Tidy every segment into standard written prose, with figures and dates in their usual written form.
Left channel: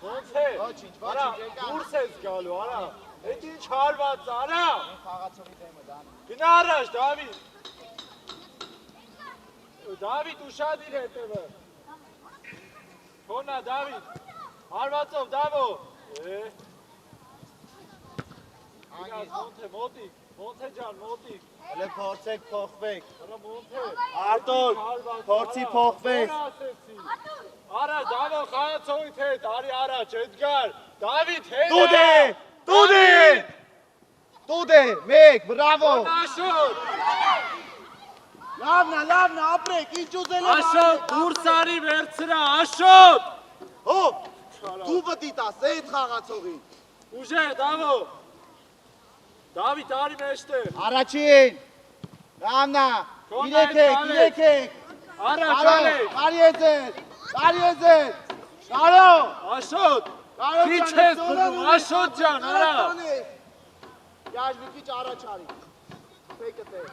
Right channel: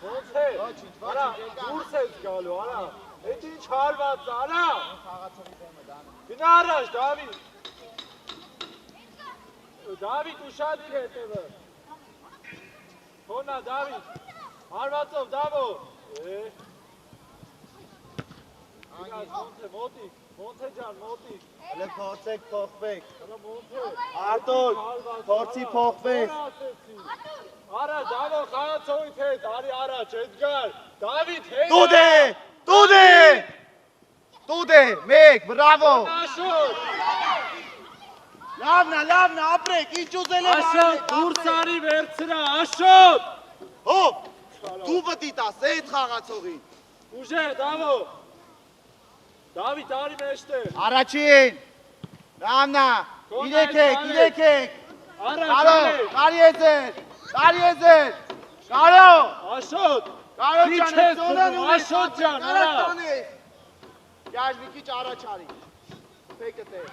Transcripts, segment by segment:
Ոնց է։ Արա, դուրս ես գալու, արա։ Էդ ինչ հարված, արա։ Գնա առաջ, Դավիթ։ Դավիթ ուշադիր հետևը։ Թոնա, Դավիթ։ Հարվածով, Դավո։ Մոտիկ, Մոնթե ջան, մոտիկ։ Հələ փորձեք փոխվեք։ Մոնթե։ Արտուր, փորձի փոխվեք։ Արա, Դավո, խաղացողից հետ, արի առաջ, Էդգար, Դավիթ, հետ։ Տուդե, մեկ, բրավո։ Աշոտ։ Լավն է, ապրեք, ինչ ուզել եմ Աշոտ, դուրս արի վերցրա, Աշոտ։ Հոպ, դու պտի տաս, այդ խաղացողին։ Ուժե, Դավո։ Դավիթ, արի մեջտեղ։ Առաջին, լավն է, իրեք։ Առաջ, Կարի եզեր, Կարո։ Աշոտ, քիչ ես բնում, Աշոտ ջան, արա։ Յար մի քիչ առաջ արի։ Թեկը տեղ։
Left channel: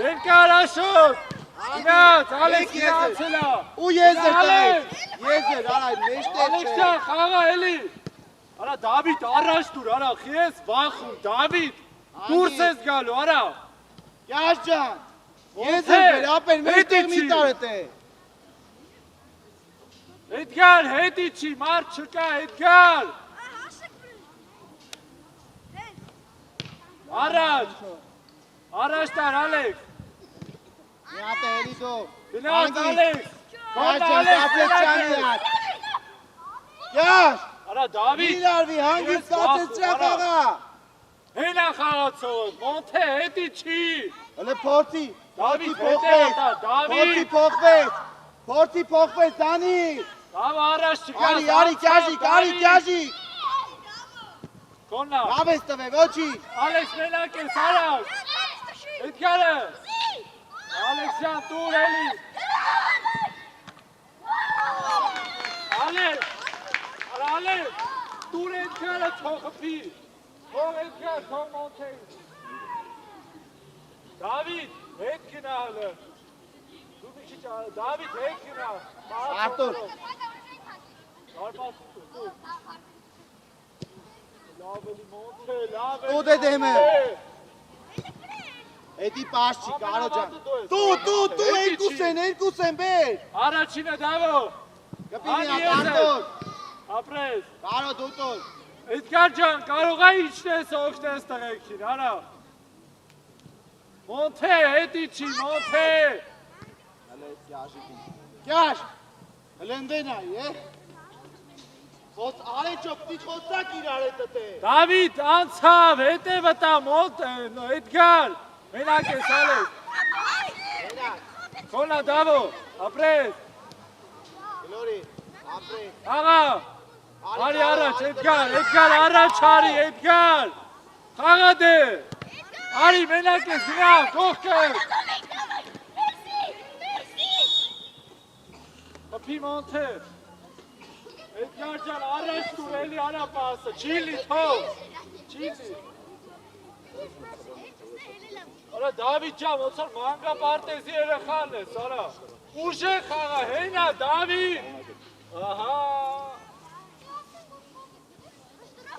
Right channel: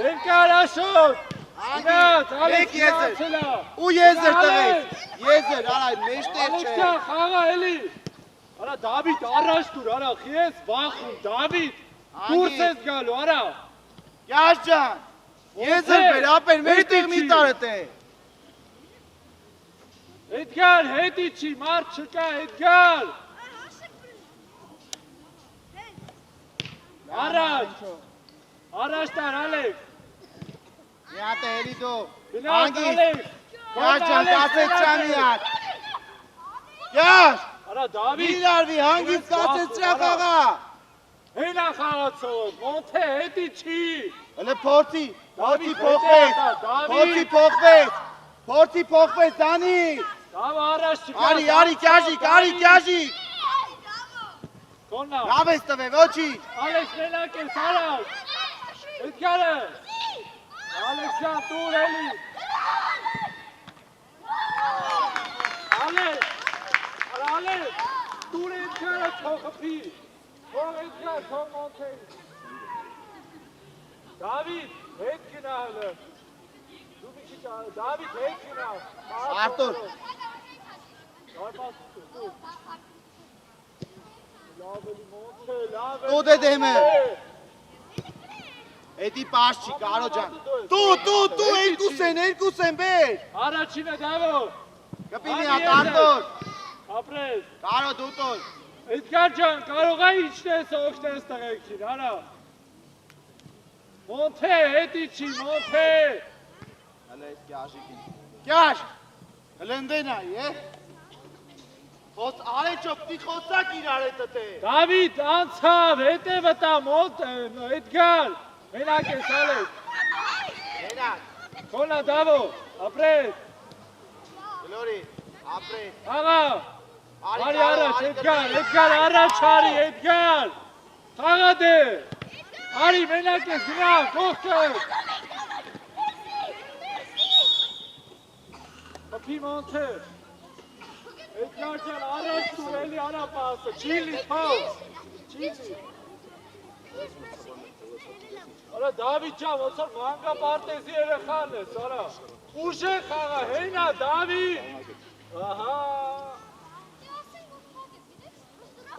Երկար Աշոտ։ Գնաց, Ալեքս գնացելա։ Ու եզեր տղեկ։ Եզեր, արա, մեջտեղ չէ։ Ալեքսյան, խաղա էլի։ Արա, Դավիթ, առաջ դուր, արա, խիես վախում, Դավիթ, դուրս ես գալու, արա։ Յար ջան, եզեր բեր, ապեր, մեջտեղ մի տարդ է։ Էդգար, հետի չի, մարդ չկա, Էդգար։ Առաջ տար, Ալեքս։ Մի հատ է հերի դու։ Գնաց, Ալեքս։ Յար ջան, կացեց ճան իրար։ Յար, Արա, Դավիթ։ մի լարվի, հանգից կացեց ճապ աղա։ Հենա խաղացող, Մոնթե, հետի չի։ Հələ փորձի փոխվեց, Դանի։ Դավը առաջ չկա։ Արի, կյաժի։ Կոննա։ Լավ ես տվե, ոչի։ Ալեքս մենակ ես, առաջ։ Էդգարը։ Ալեքսյան, տուր էլի։ Ալեքս, տուր Էդգարը չողպի։ Թող Էդգար, թող Մոնթեի։ Դավիթ, հետ գնա հլը։ Դու մի քիչ արը, Դավիթ, հետ գնա։ Արտուր։ Արպաս տուր։ Լավ էլի Մոնթե, լավ էլի։ Տուդ է դեմը։ Էդի պաշ չի, Կարո ջան։ Տու, երկուս են բեր։ Առաջինը Դավո։ Կպինի Արտուր։ Ապրես։ Կարո դու տոլ։ Էդգար ջան, կարող է իջնես օգնես տղեկին, արա։ Մոնթե, հետի չի, Մոնթե։ Հələ էդ կյաժի։ Հələ ընդեն այ, է։ Արեջո, պտի խոսակ իրար է տտե։ Դավիթ, անցավ, հետևը տա, Էդգար, մենակ ես, Ալեքս։ Կոնա, Դավո, ապրես։ Գլորի, ապրես։ Աղա, արի առաջ, Էդգար, առաջ արի, Էդգար։ Խաղա դե, արի, մենակ ես, գնա, կողքը։ Պպի Մոնթե։ Էդգար ջան, առաջ դուր էլի արա պասը, չիլի թող, չիլի։ Արա Դավիթ ջան, ոնց որ մանկապարտեզի երեխան ես, արա։ Ուժե խաղա, հենա Դավիթ։ Ահա։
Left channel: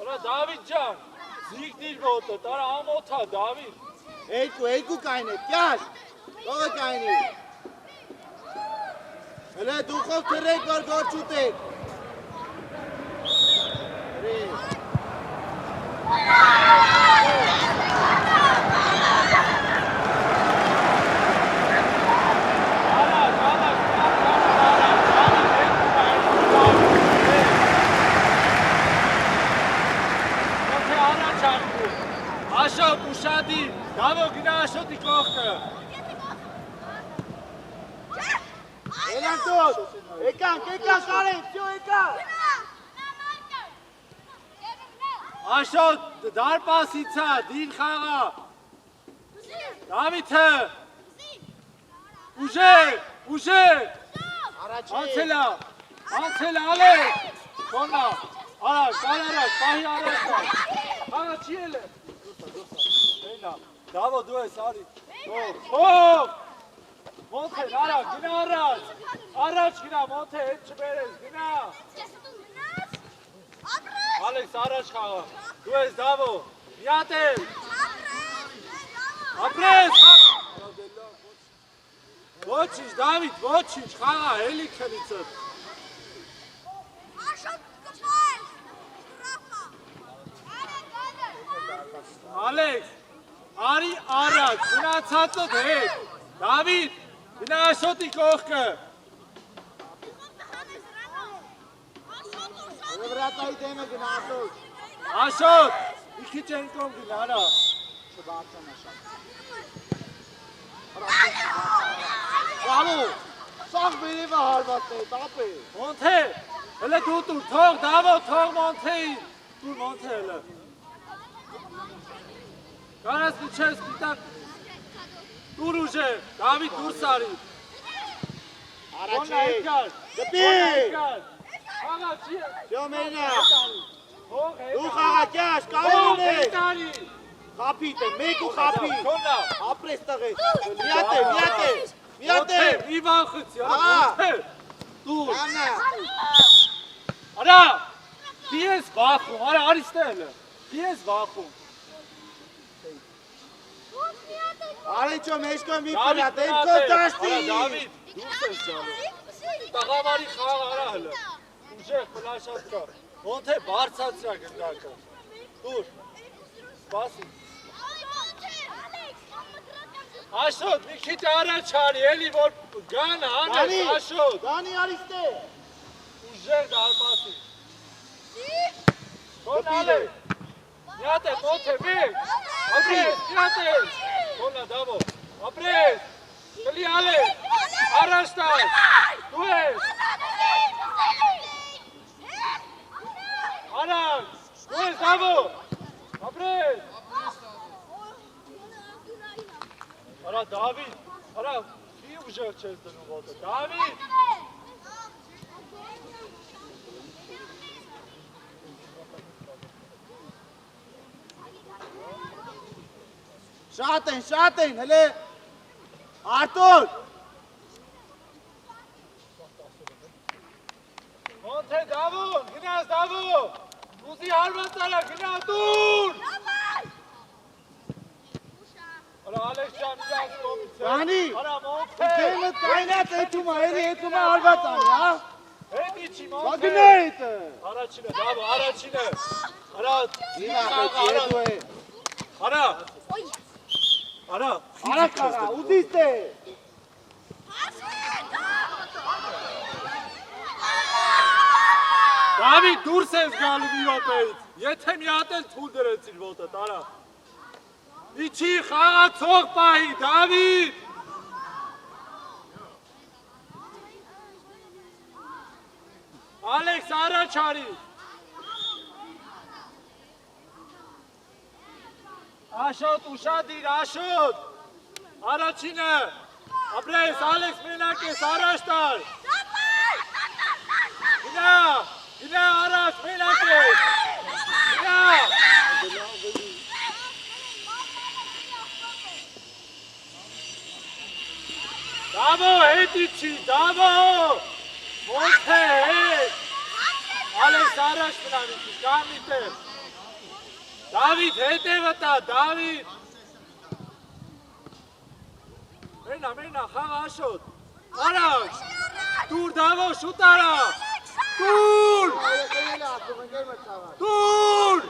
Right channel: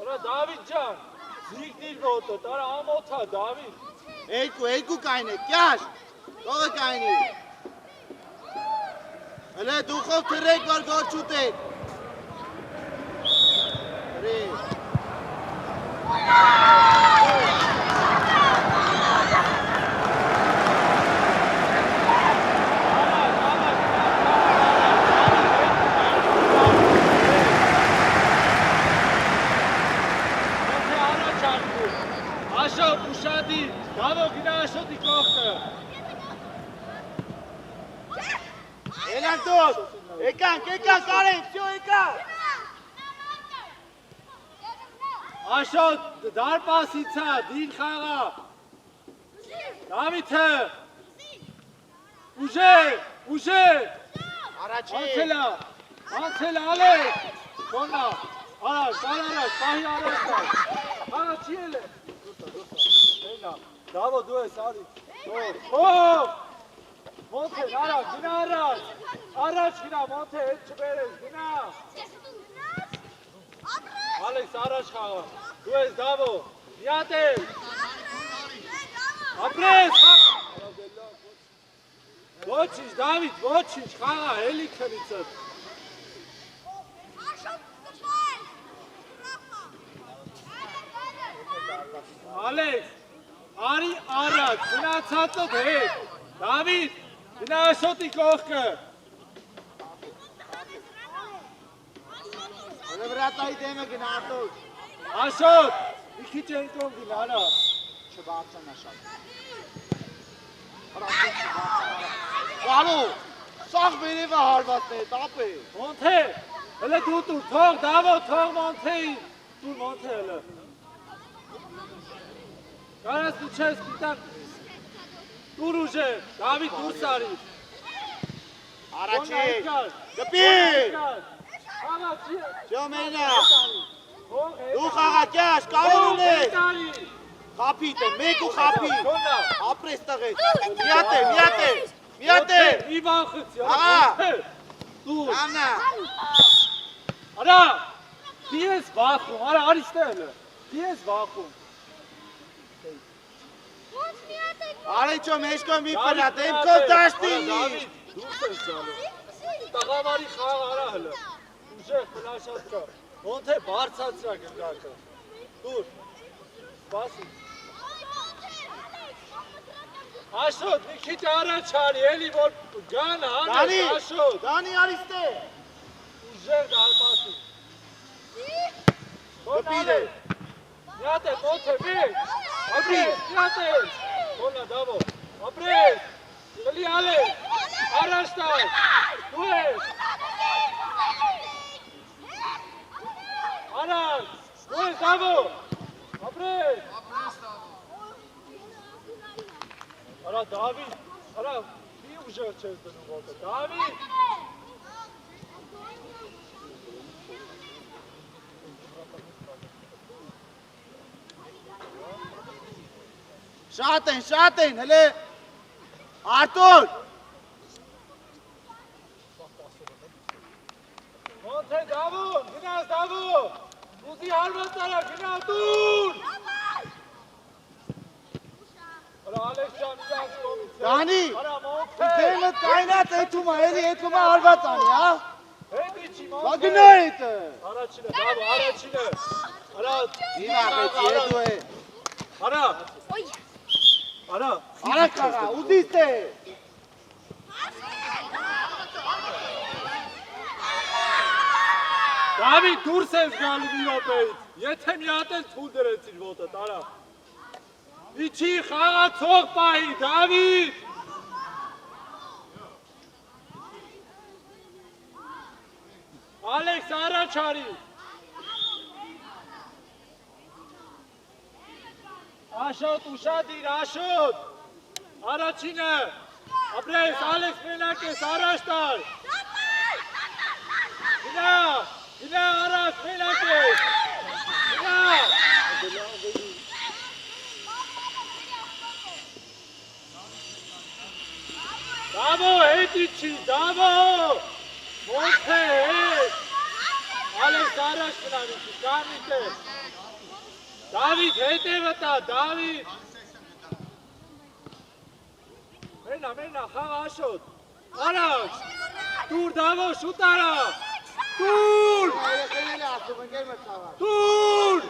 Արա Դավիթ ջան, զիգնիր ոտը, տարա ամոթա Դավիթ։ Երկու կայնե, կյար, տողը կայնի։ Հələ դուխով թրեք, որ գոր չուտեք։ Աշոտ, ուշադիր, Դավո գնա Աշոտի կողքը։ Էլան տոտ, եկանք, կարենք, սյո եկանք։ Աշոտ, դարպասիցա, դին խաղա։ Դավիթը։ Ուժե։ Անցելա, Ալեքս։ Կոնա, առաջ, պահի առաջ։ Խաղա չի էլ է։ Հենա, Դավո դու ես, արի։ Ով։ Մոնթե, արա, գնա առաջ։ Առաջ գնա, Մոնթե, հետ չբերես, գնա։ Ալեքս, առաջ խաղա։ Դու ես Դավո, միատ էլ։ Ապրես, խաղա։ Ոչինչ, Դավիթ, ոչինչ, խաղա, էլի քնիցըտ։ Ալեքս, արի առաջ, գնացածըտ հետ։ Դավիթ, գնա Աշոտի կողքը։ Վրատայի դեմը գնա Աշոտ։ Աշոտ, մի քիչ են կողմ գնա, արա։ Չբարձան Աշոտ։ Գալու, սաղ բերևը հարվածն է, տապ է։ Մոնթե, հլը դու տուր, թող, Դավո, թող Մոնթեին։ Տուր Մոնթե հլը։ Կարաս նիչես պիտակ։ Տուր ուժեր, Դավիթ դուր սարի։ Առաջի, գպիր։ Խաղա, Ջոմենա, դու խաղակյաշ, կարոն է։ Խապիտ է, մեկ ու խապիտ։ Ապրես տղեկ, միատ է, միատ է, միատ է։ Իվան խծի, դուր։ Անա։ Արա, դի ես վախում, արա, արիստե հլը, դի ես վախում։ Արիչո մեջկո մի պրատ, էմքով դաշտի։ Դավիթ, դուրս ես ճալու։ Տղավարի խաղ արա հլը, ուժեղ պլաշատ կա, Մոնթե բարձացրա գնդակը, դուր, սպասի։ Աշոտ, մի քիչ առաջ արի, էլի որ գան հանես, Աշոտ։ Դանի արիստե։ Ուժեղ դարպասի։ Կոնալ է, միատ է, Մոնթե, մեկ, ապրես, միատ է, կոնա Դավո, ապրես, կլի ալես, առաջ տար, դու ես, առաջ, դու ես Դավո, ապրես, արա Դավիթ, արա, մի ուժեղ չես դնում ոտը, Դավիթ, Շատ են, հլե, Արտուր։ Մոնթե Դավո, գնաս Դավո, ուզի հարված արա, գնա դուր։ Արա Ալեքսյան իրանց կոմից է։ Դանի, Արա Մոնթե։ դեմը կայնատ էթում է, էլի էթում է հարված անի, հա։ Հետ իչի Բա Մոնթե։ գնա էթը։ Առաջինը, Դավո, առաջինը։ Արա, Դիմա խեցի էթու է։ Արա, արա, Արա կաղա, ուզիստ է։ Դավիթ, դուրս ես գալու մի րոպեից, եթե մի հատ էլ թույլ դրեցիր ոտը, տարա։ Իչի խաղացող պահի, Դավիթ։ Ալեքս առաջ արի։ Աշոտ, ուշադիր, Աշոտ։ Առաջինը, ապրես, Ալեքս մենակ ես, առաջ տար։ Գնա, գնա առաջ, մենակ ես։ Գնա։ Դավո, հետ իչի, Դավո։ Մոնթե, հետ։ Ալեքս առաջ մնան իչի, կամիտ է։ Դավիթ, հետևը տա, Դավիթ։ Մենա, խաղ Աշոտ։ Առաջ, դուր Դավո, շուտ արա։ Դուր, դուր։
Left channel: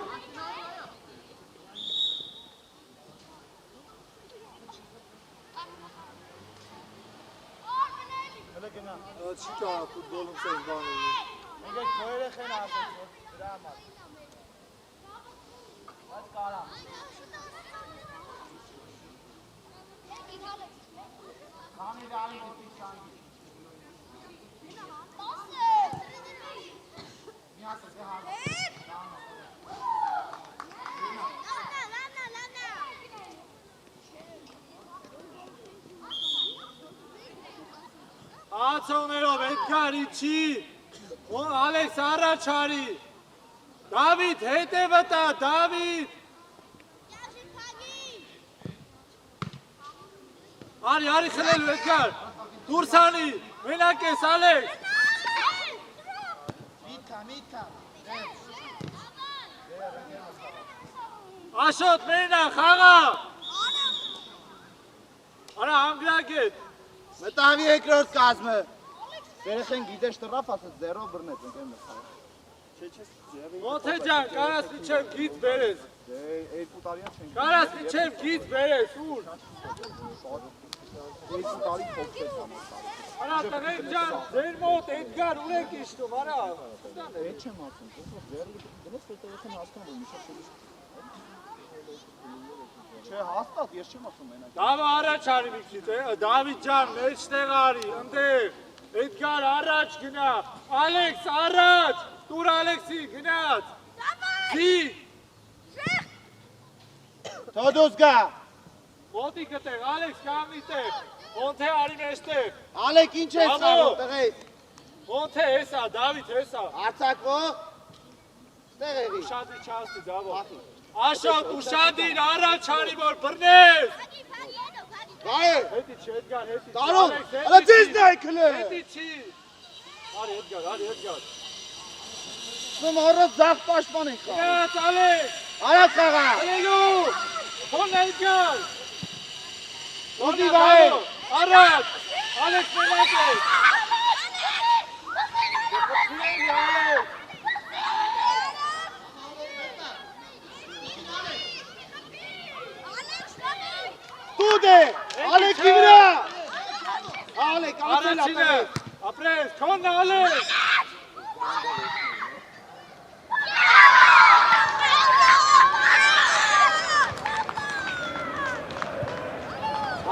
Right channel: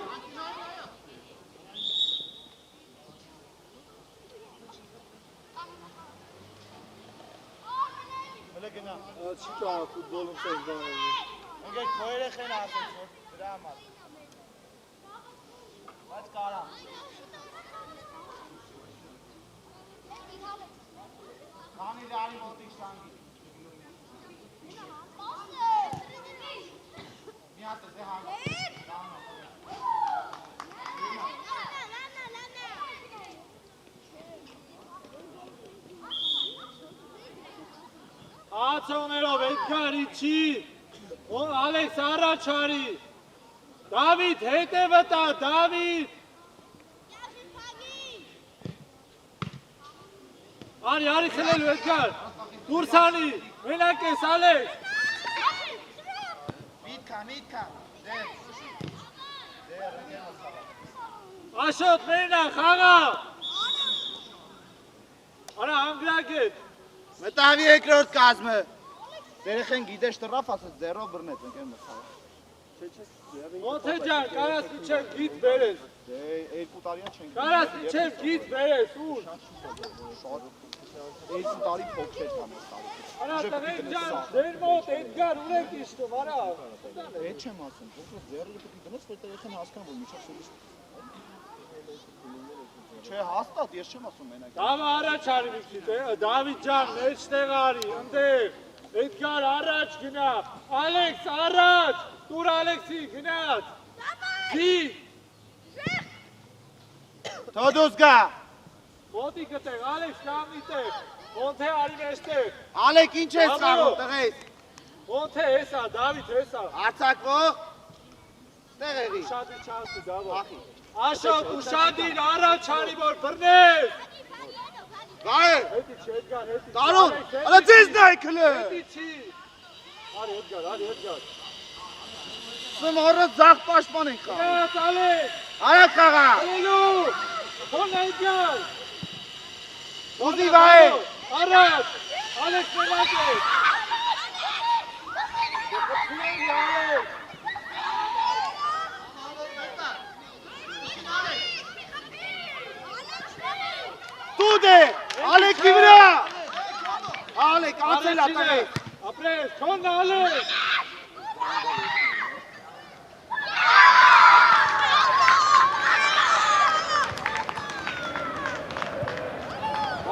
Չի կա ֆուտբոլում սեն բանել։ Ընգեկ քոյրեխ են ասում, դրա համար։ Բայց կարա։ Քանի դարի մոտի շանգի։ Մի հատ է հարված։ Ացողներով հետքար իչի, Ալեքս առաջ արի, Դավիթ հետևը տա, Դավիթ, արի խլելու հետքար, Դուրսանի, մենակ ես Ալեքս։ Միտքա։ Աշոտ մենա, խաղա։ Արա հանգրակ հետ։ Մտավի երկրորդ կազմը։ Երեխեն գիտես տրապ ասած 0 բռնեց ընկեր մտավ։ Ոնթե ջան, կարաս իջեմ գիծ բերես։ Դե 2 տարիա չենք։ Կարաս իջեմ գիծ բերես, ուր։ 2 տարի փոքր է անում։ Արա տղեկ ջան, ձեր մոտ Էդգար ունեք իշտում, արա։ Այդ չեմ ասում, փոքր 0 գնաց որ երեխեն հասկան որ միշտ Չէ, հաստատ, ես չեմ ասում մենակ։ Դավը առաջ արի վիքից, Դավիթ ջան, մեջտեղ արի, ընդեղ, Էդգար առաջ գնա, Ալեքս առաջ, տուր Ալեքսի գնաց, զիգ, Թոդոս գա, մոտի կտեղ, Ալեքս կամիտեղ, ոնթե արի մեջտեղ, Ալեք ինչ ես խաղում, տղեից, ոնթե հեսա, Դավիթ հեսա, արձակվող, տեղ եղի, ուշադիր չասի դավը, Աշոտ ուշադիր առաջ արի որ բռնես, գայր, հետի չի Էդգար, հետի չի, Տարոն, ալա ձեզ նայ կլը, հետի չի, արի Էդգար, սում առած զաղ պաշման ենք խաղում, գնաց Ալեքս, արած խաղա, Ալելու, թոն Էդգար, ուզի վայր, առաջ, Ալեքս մենակ ես, դեպրցիների Ալեքս, տուդ է, Ալեքի վրա, Ալեք, ացել ապրեք, ապրես, թոն Ալեքս,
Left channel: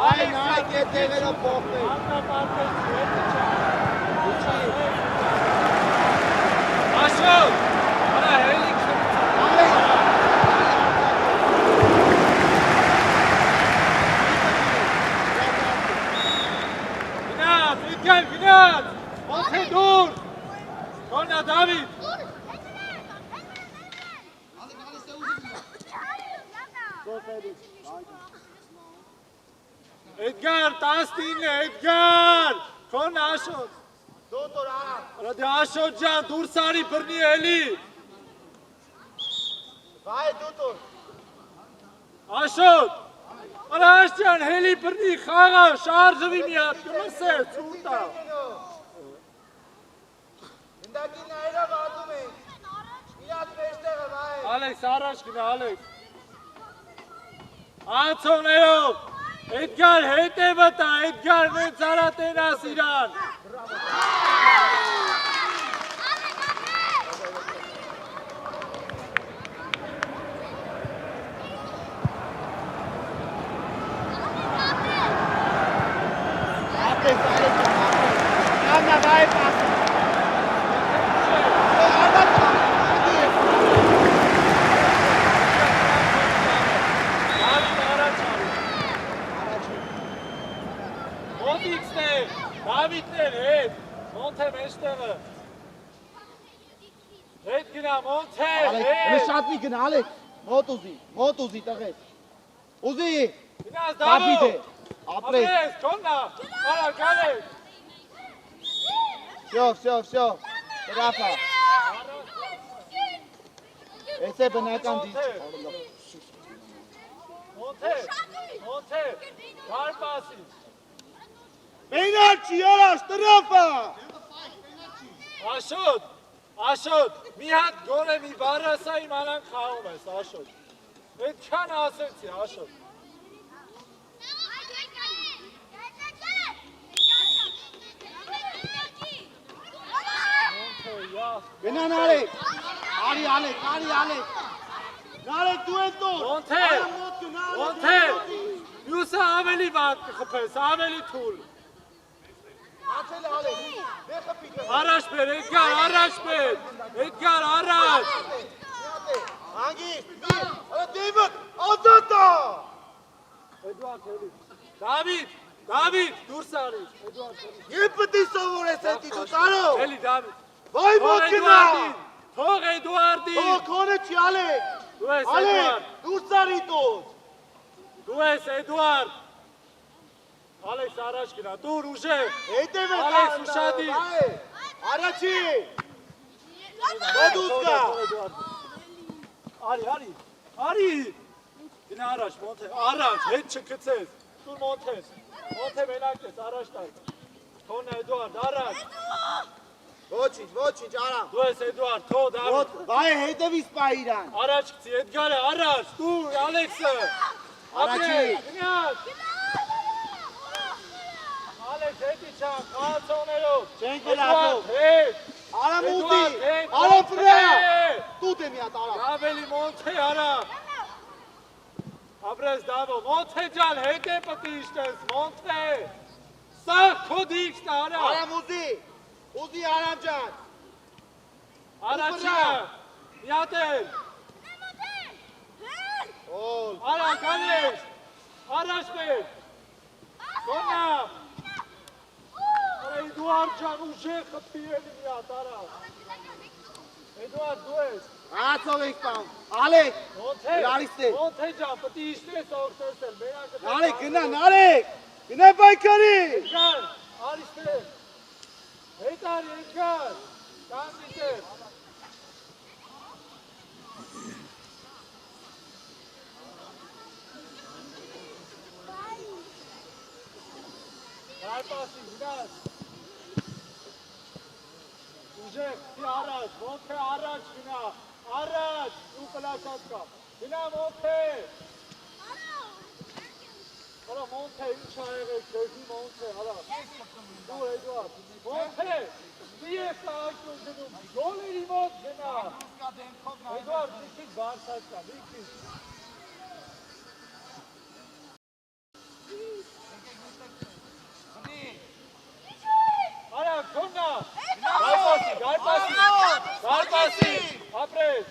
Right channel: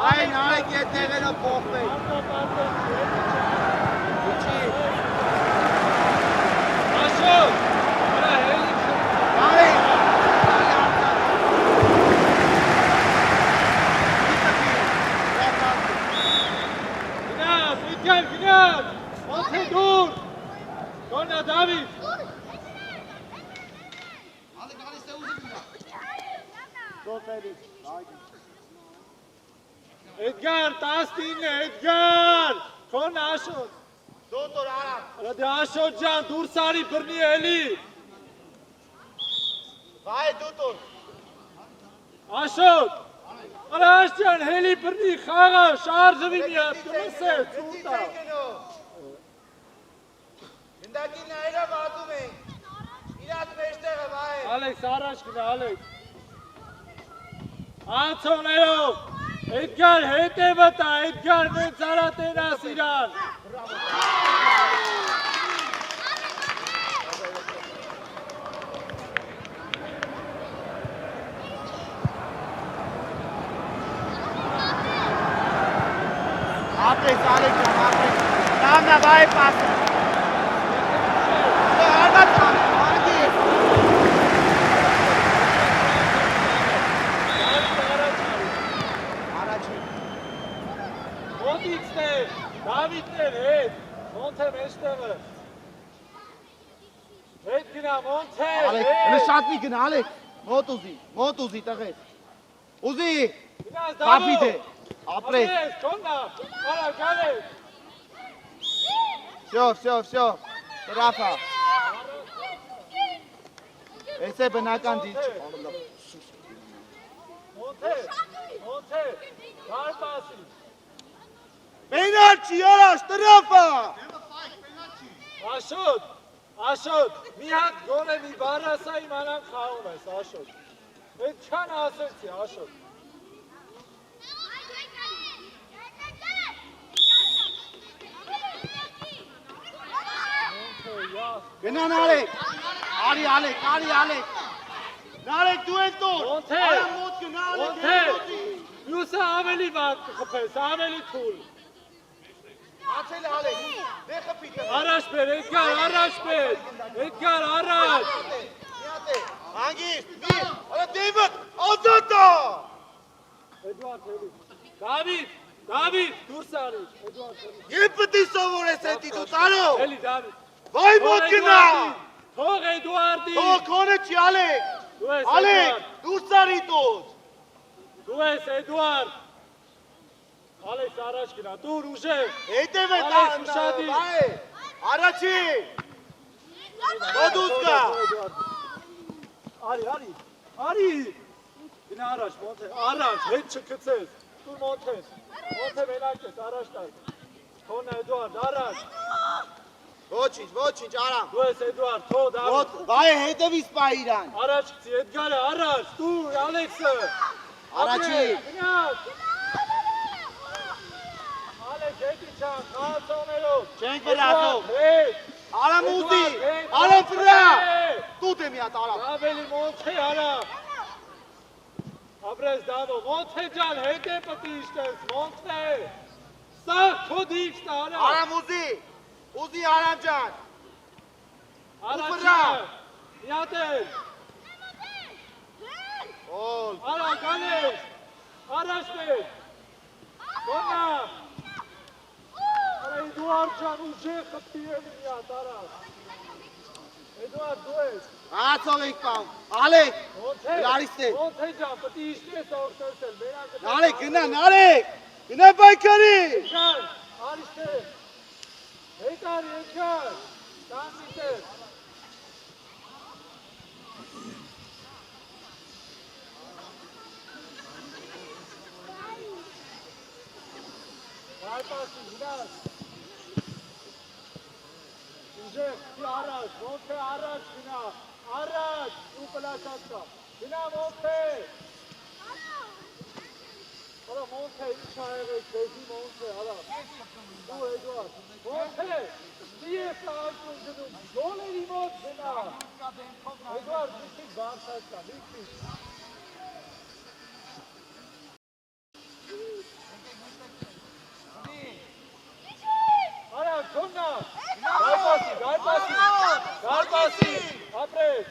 Այն Ալեք ետևերը փոխվեք, Աշոտ, գնաց, ոնթե դուր, թոնա Դավիթ, Էդգար, 19, Էդգար, քոն Աշոտ, դոտոր արած, դե Աշոտ ջան, դուրս արի բռնի էլի, վայ դոտոր, Աշոտ, արա Աշջան, հելի բռնի, խաղա, շարժվի մի հատ, կմսեր, ծուտա, Հնդակի նայրավ ատում ենք, իրաց մեջտեղը վայ, Ալեքս առաջ գնա, Ալեքս, անցողներով, Էդգար հետևը տա, Էդգար նենց արա տենաս իրան, ատեք, նամնա վայ պաս, Մոտիքներ, Դավիթներ, հետ, ոնթե մեջտեղը, հետ գնա, ոնթե, Ալեք, հետ, շատ մի գնա, Ալեք, մոտ ուզի տղետ, ուզի, գնաց կապիտ է, դավով, ապրես, ապրես, քոննա, արա գալես, վсё, տրապա, ես է բնական դիչ, ոնթե, բարպասի, մենաչի արաշ, տրապա, Աշոտ, մի հատ գոնե մի բարասա իմանանք խաղում ես, Աշոտ, այդ չան ասեցի, Աշոտ, գնան Ալեք, արի Ալեք, Նարեք դու են տոր, ոնթե, յուսը ավելի վատ կխպես, ավելի թուլ, ացել Ալեք, դե խպի կղը, առաջ բեր, Էդգար, առաջ, հանգիր, արը դեյվըտ, ադատա, Էդուարդ հելի, Դավիթ, դուրս արիս, Էդուարդ հելի, եվ պտի սովոր ես էտի դու տարով, հելի Դավիթ, վայ մոտ գնա, թող Էդուարդի, թող կոնը չի Ալեք, դու ես Ալեք, Էդուարդ, դուրս արի տոս, դու ես Էդուարդ, Ալեքս առաջ գնա, դուր ուժեղ։ Հետև է Ալեքս ուշադիր։ Առաջի։ Բադուս կա։ Արի։ Գնա առաջ, Մոնթե, առաջ, հետ չգցես։ Դուր Մոնթես։ Մոնթե մենակ ես, առաջ տար։ Թոնա Էդուարդ, առաջ։ Ոչինչ, արա։ Դու ես Էդուարդ, թո դառ։ Բայ հետևից պա իրան։ Առաջ գցի, Էդգարը, առաջ, դու, Ալեքսը։ Առաջի։ Գնաց։ Ալեքս, հետի չան, խաղացողներով։ Չենք վերածող։ Հետ։ Արա մուտի, հետ, արա վրա։ հետ։ Տուտ եմ յատ արա։ Ավելի Մոնթե, արա։ Ապրես դավո, Մոնթե ջան, հետ է պտի իշտես, Մոնթե։ Սաղ քո դիքսն արա։ Արա ուզի արա ջան։ Առաջինը, միատել։ Օլ։ Արա, գանես, առաջ մեր։ Գոնա։ Արա, Էդուարդ ջան, ուժեղ խպտի էլի միատ, արա։ Էդուարդ, դու ես։ Ացող ենք պամ, Ալեք, լարիստ է։ Մոնթե ջան, պտի իշտես ողջերսել, Նարեք, գնա բայկարի։ Էդգար, արիստեր, հետար, Էդգար, տանցիտեր։ Այպասի, գնաց։ Ուժեղ, չի առաջ, Մոնթե առաջ գնա, առաջ, ու պլաշած կա, գնա Մոնթե։ Արա Մոնթե, ինչ աղեղեք, քեզի Մոնթե, արա։ Դու Էդուարդ, Մոնթե, մի է կայքում գնում, գոլերի մոտ գնա։ Էդուարդ, մի քիչ բարձած կա, մի քիչ։ Արա, թոննա, գայպասի, ապրես,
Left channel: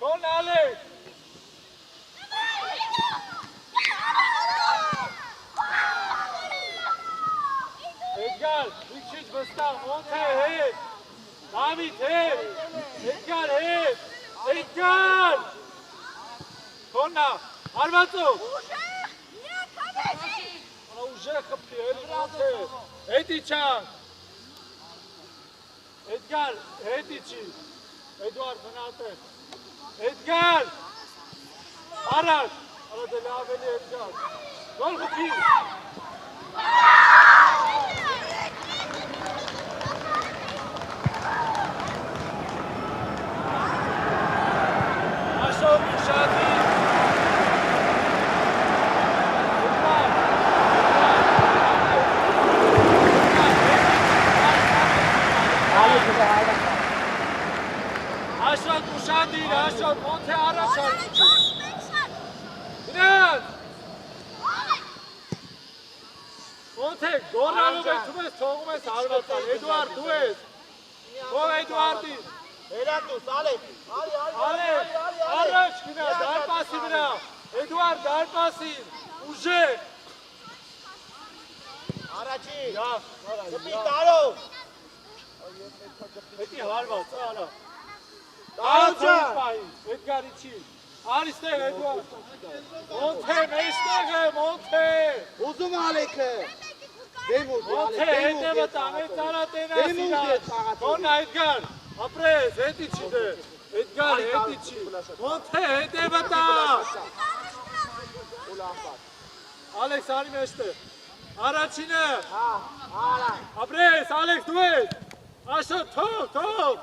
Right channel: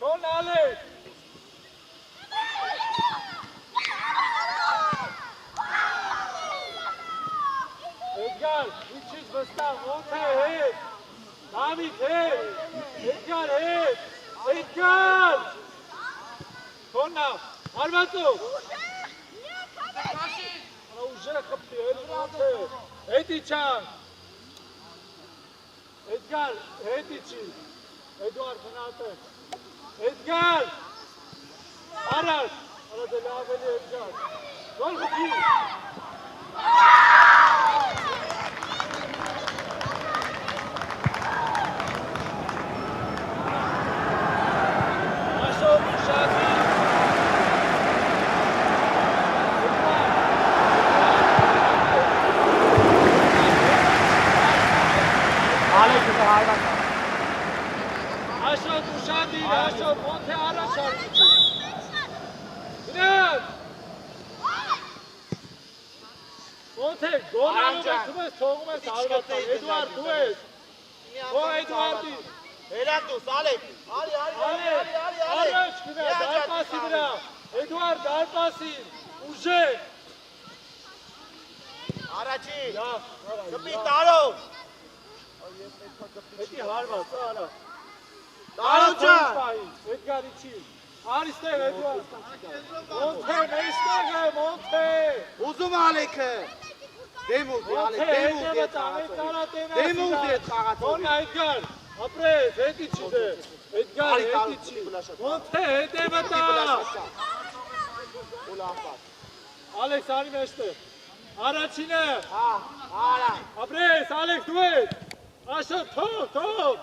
թոննա ալես։ Էդգար, մի քիչ վստահ, Մոնթե հետ, Դավիթ հետ, Էդգար հետ, Էդգար, թոննա, հարվածով, ուժեղ խպտի, Էդգար, հետի չան, Էդգար, հետի չի, Էդուարդ խնատը, Էդգար, առաջ, արա դե լավ էլի Էդգար, գոլ խպի, Էդուարդ, դու ես, ո Էդուարդի, Հերակուս, Ալեք, առաջ գնա, դայպասի վրա, Էդուարդ, դայպասին, ուժեղ, Առաջի, կպի տարով, հետի հարված, արա, տարով ջան, Էդգարի չի, արիստեղ Էդուարդ, Մոնթե, մեստեղ է, Մոնթե, ուզում Ալեքը, դեմուզ, Մոնթե, հետևը տանեց տարատենա սիրա, Թոնա Էդգար, ապրես, հետի չի դե, Էդգար, հետի չի, Մոնթե, հետևը տա, Ալեքս, արի մեջտեղ, առաջինը, ապրես, Ալեքս, դու ես, Աշոտ, թող,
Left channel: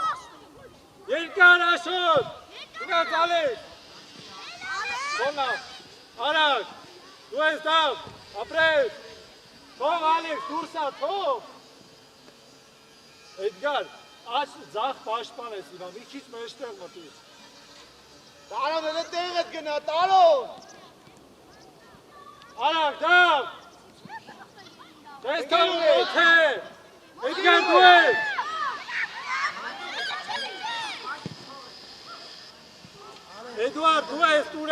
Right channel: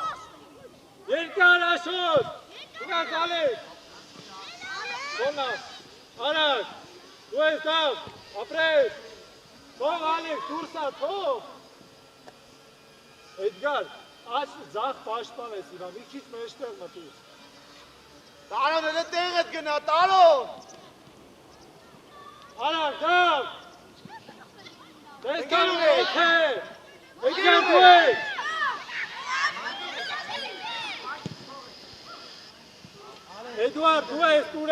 երկար Աշոտ, գնաց Ալեքս, Թոնա, առաջ, դու ես դավ, ապրես, թող Ալեքս, դուրսա, թող, Էդգար, աչ ձախ պաշտպան ես իրան, մի քիչ մեջտեղ մտուր, տարով էլ տեղդ գնա, տարով, Արավ, դավ, տեսքան Մոնթե, Էդգար դու ես, Էդուարդ, դու ես տուր,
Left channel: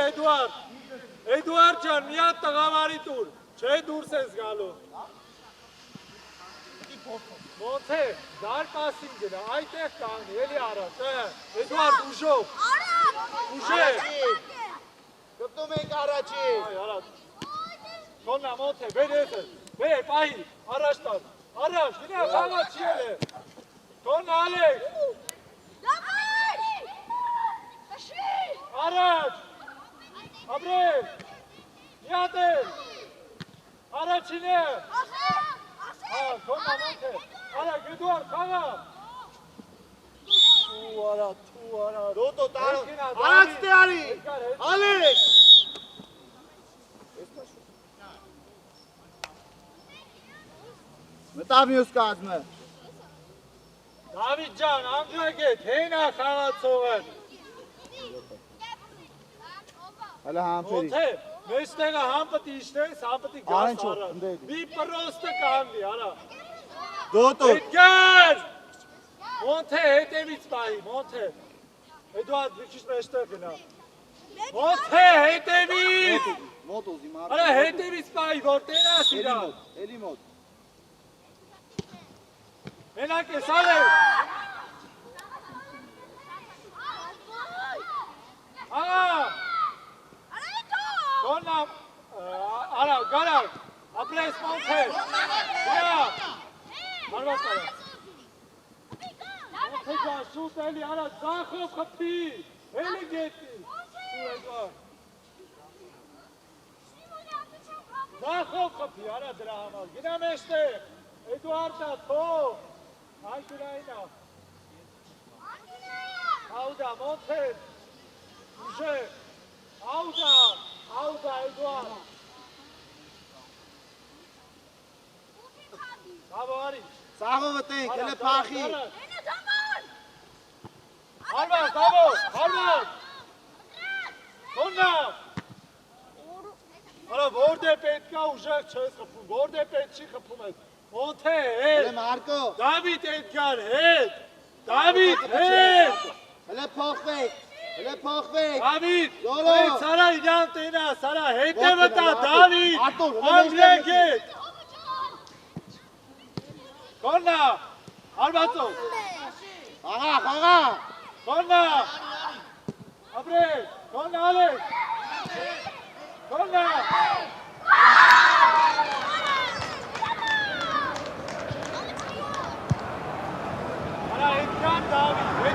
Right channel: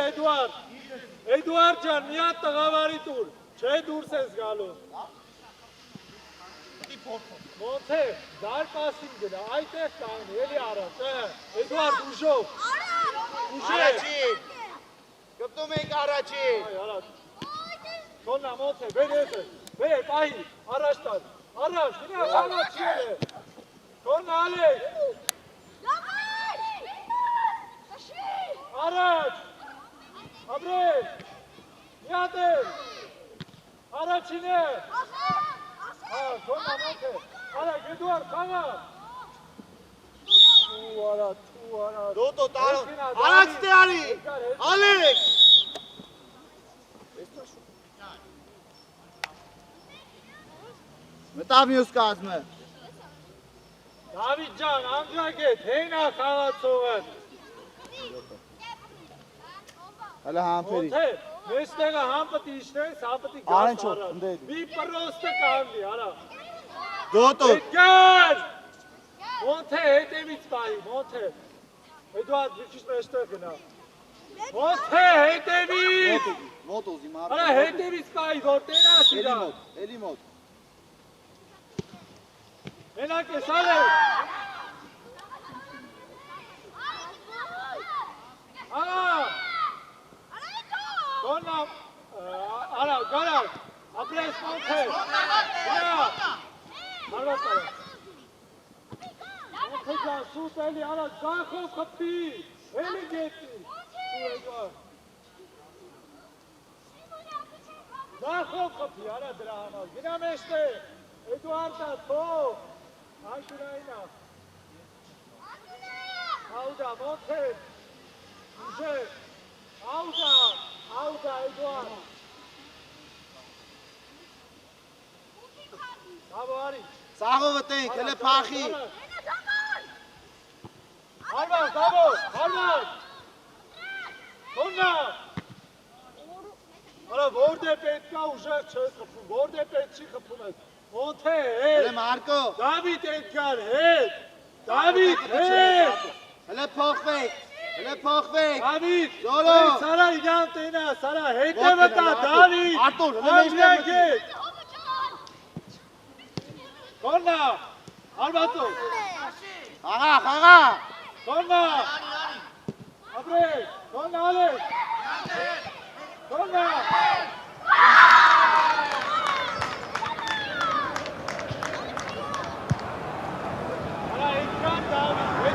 Էդուարդ ջան, մի հատ տղավարի տուր, չէ դուրս ես գալու, Մոնթե, դարպասին գնա, այդեղ կանգնի, էլի առած, Էդուարդ ուժով, առաջի, կպտում ենք առաջի, Թոննա Մոնթե, բեր ես ես, Բե, պահի, առաջ տար, առաջ, գնա, խաղա չի էլ է, թոն ալեք, առաջ, ապրել, միատել, առաջին է, թոն ամանք է, առաջ, Էդուարդ, խաղա, թու արա, Դոտո տարո, առաջ դե արի, ալեք, մտավ մյուս կազմը, Դավիթ ջան, անգրագետ, հենա խաղացողը, հələ համպերի, Ոնթե, մեստեղը համպտի իշտես, համպտի գաս արա, մի պրոստը կանգի, արա, Դոտո, Էդգար, Ոնթե, հետևից պահի, Ոնթե, Էդուարդ, մի քիչ մեջտեղ գնա, Ոնթե, հետևից, մոտ ուզի մարդ, արա հետևից պահի, որ տենաս իրան, էլի մոտ, մենակ ես արեք, աղա, Դոնա, արա, գարար, ապրես Ոնթե, գնա, մարված արա, Ոնթե ջան, սուտ էլի, արա, ձախով խպի, էլի գետի, ու Էդուարդ, ձախով խպի, արա դրա համար, գնա մեջտեղ, Էդուարդա, թող, Այշուրայինա, Աուդա, Ոնթեր, ուժեր, Աուդա, Էդուարդ, Բաբո արի, սաղովը տենք, հələ պախի, Հարված, Բաբո, հարված, Թոննա, արա, որդ է պետք կա ուժեղ չես խպում, որդ է պետք չի խպում ես, Ոնթե, հələ Մարկո, Դավիթ Էդգար, հետ, Դավիթ, հետ, հələ փոխվեք, Դավիթ, Դոլո, Սարա իրան տենա, Սարա, հետևը տա, Դավիթ, Արտուր, Անդրեգետ, Կոննա, հարվածով, խաղա, Կոննա, ապրել, Կոննա ալեք, Կոննա, Արա, Էդգար, Դավիթ,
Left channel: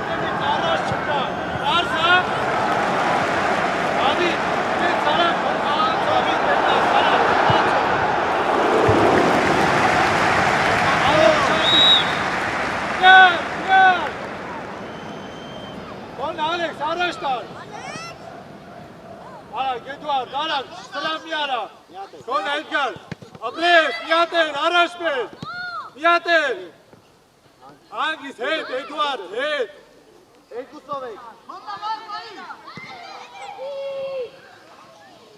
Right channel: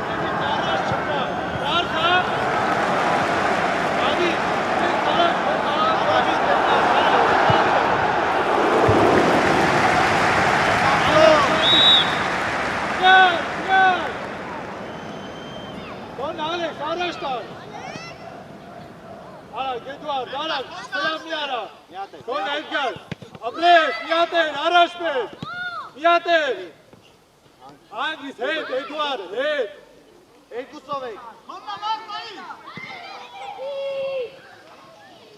Կոն Էդգար, ապրես, միատել, առաջ պես, միատել, անգիս հետ, Էդուարդ, հետ, երկուսով եք,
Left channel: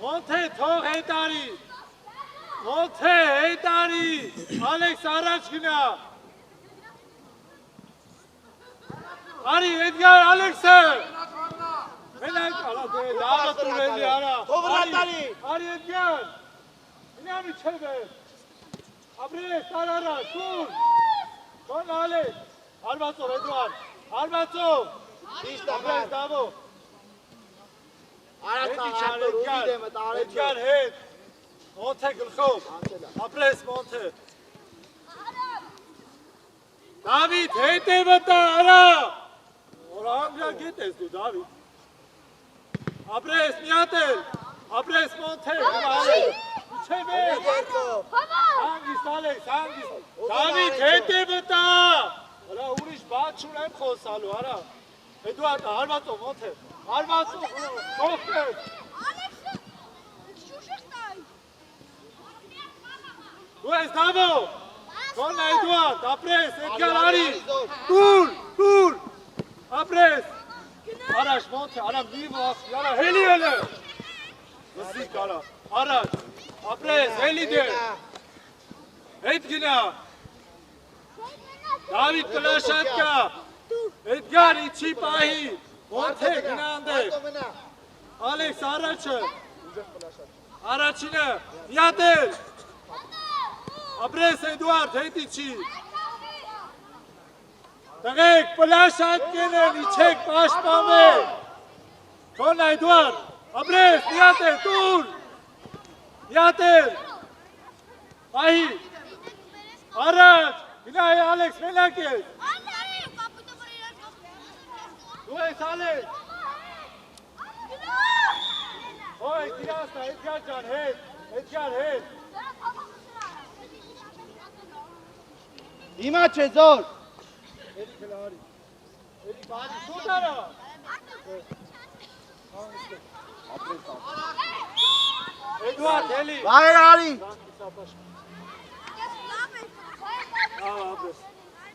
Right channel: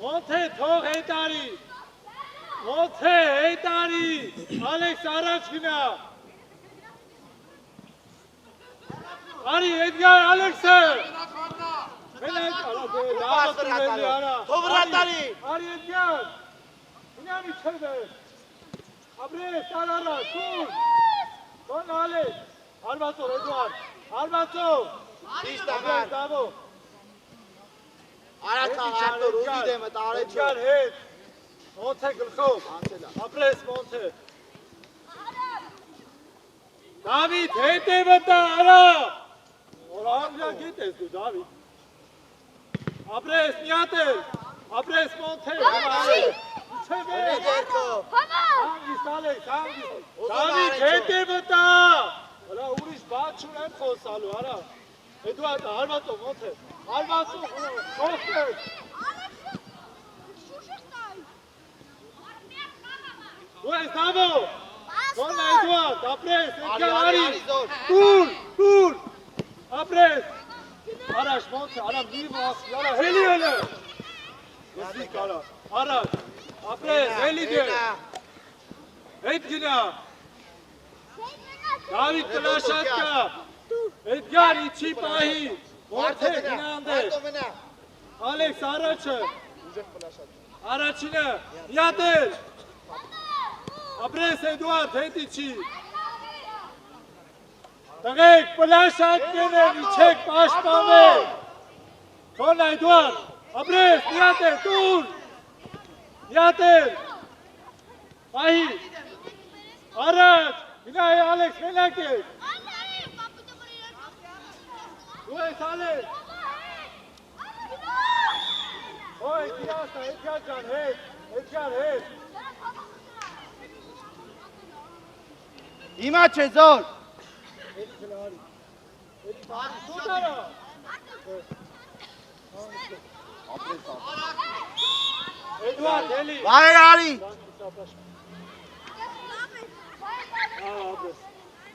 Ոնթե, թող հետարի, Ոնթե, հետարի, Ալեքս առաջ գնա, արի, Էդգար, Ալեքսը, մենակ, լավը տուրելի արա, արի Էդգար, Ինամի չրվես, ապրես, տարարա, տուր, Կոն ալեք, հարվածով, Էդուարդ, հարվածով, ապրես, դավո, Արատան, Արտուր, ուզի դեմը տարեց Էդգար հետ, Ոնթե գլխով, ապրես Ոնթե, Դավիթ, հետևը տա, արա, որ անգրագետ ես դու, Դավիթ, ապրես, միատել, ապրես Ոնթե, Չէ վեր, անգիս ալեք, անգիս, Դավիթ, հետևը տա, հլա ուրիշ բաց չունեմ խոսալու, արա, Էդուարդ, հարվածով, Ոնթե, հարվածով, կողքեր, դու ես Դավո, Կոն Էդուարդ, ապրես, Էդգար արի, տուր, ապրես, առաջ, Ոնթե, արա մի վախի, արա հելի հելը, վսիկ արա, առաջ, ապրես, հելի դեր, հետ գնա, Դավիթ պլաշատ կա, Էդգար իչի պահի, Ոնթե գնանդեր, Ալեքս առաջը, առաջինը, միատել, ապրես Էդուարդ հետ իչի, տղեք պլաշատ կենեմ, իչեք պաշպամեք, Կոն Էդուարդ, ապրես, միատել, տուր, միատել, Այ Առաջ, գնա Ալեքս, մենակ ես։ Դու ես Ալեքս։ Ոյ, գիրասա, Էդգար ջան, հետ, Էդգար, հետ։ Հիմա չէ զոր։ Էդի գնարի։ Էդի բարի, շուտ արա։ Էդուարդ, էլի։ Վայր արի։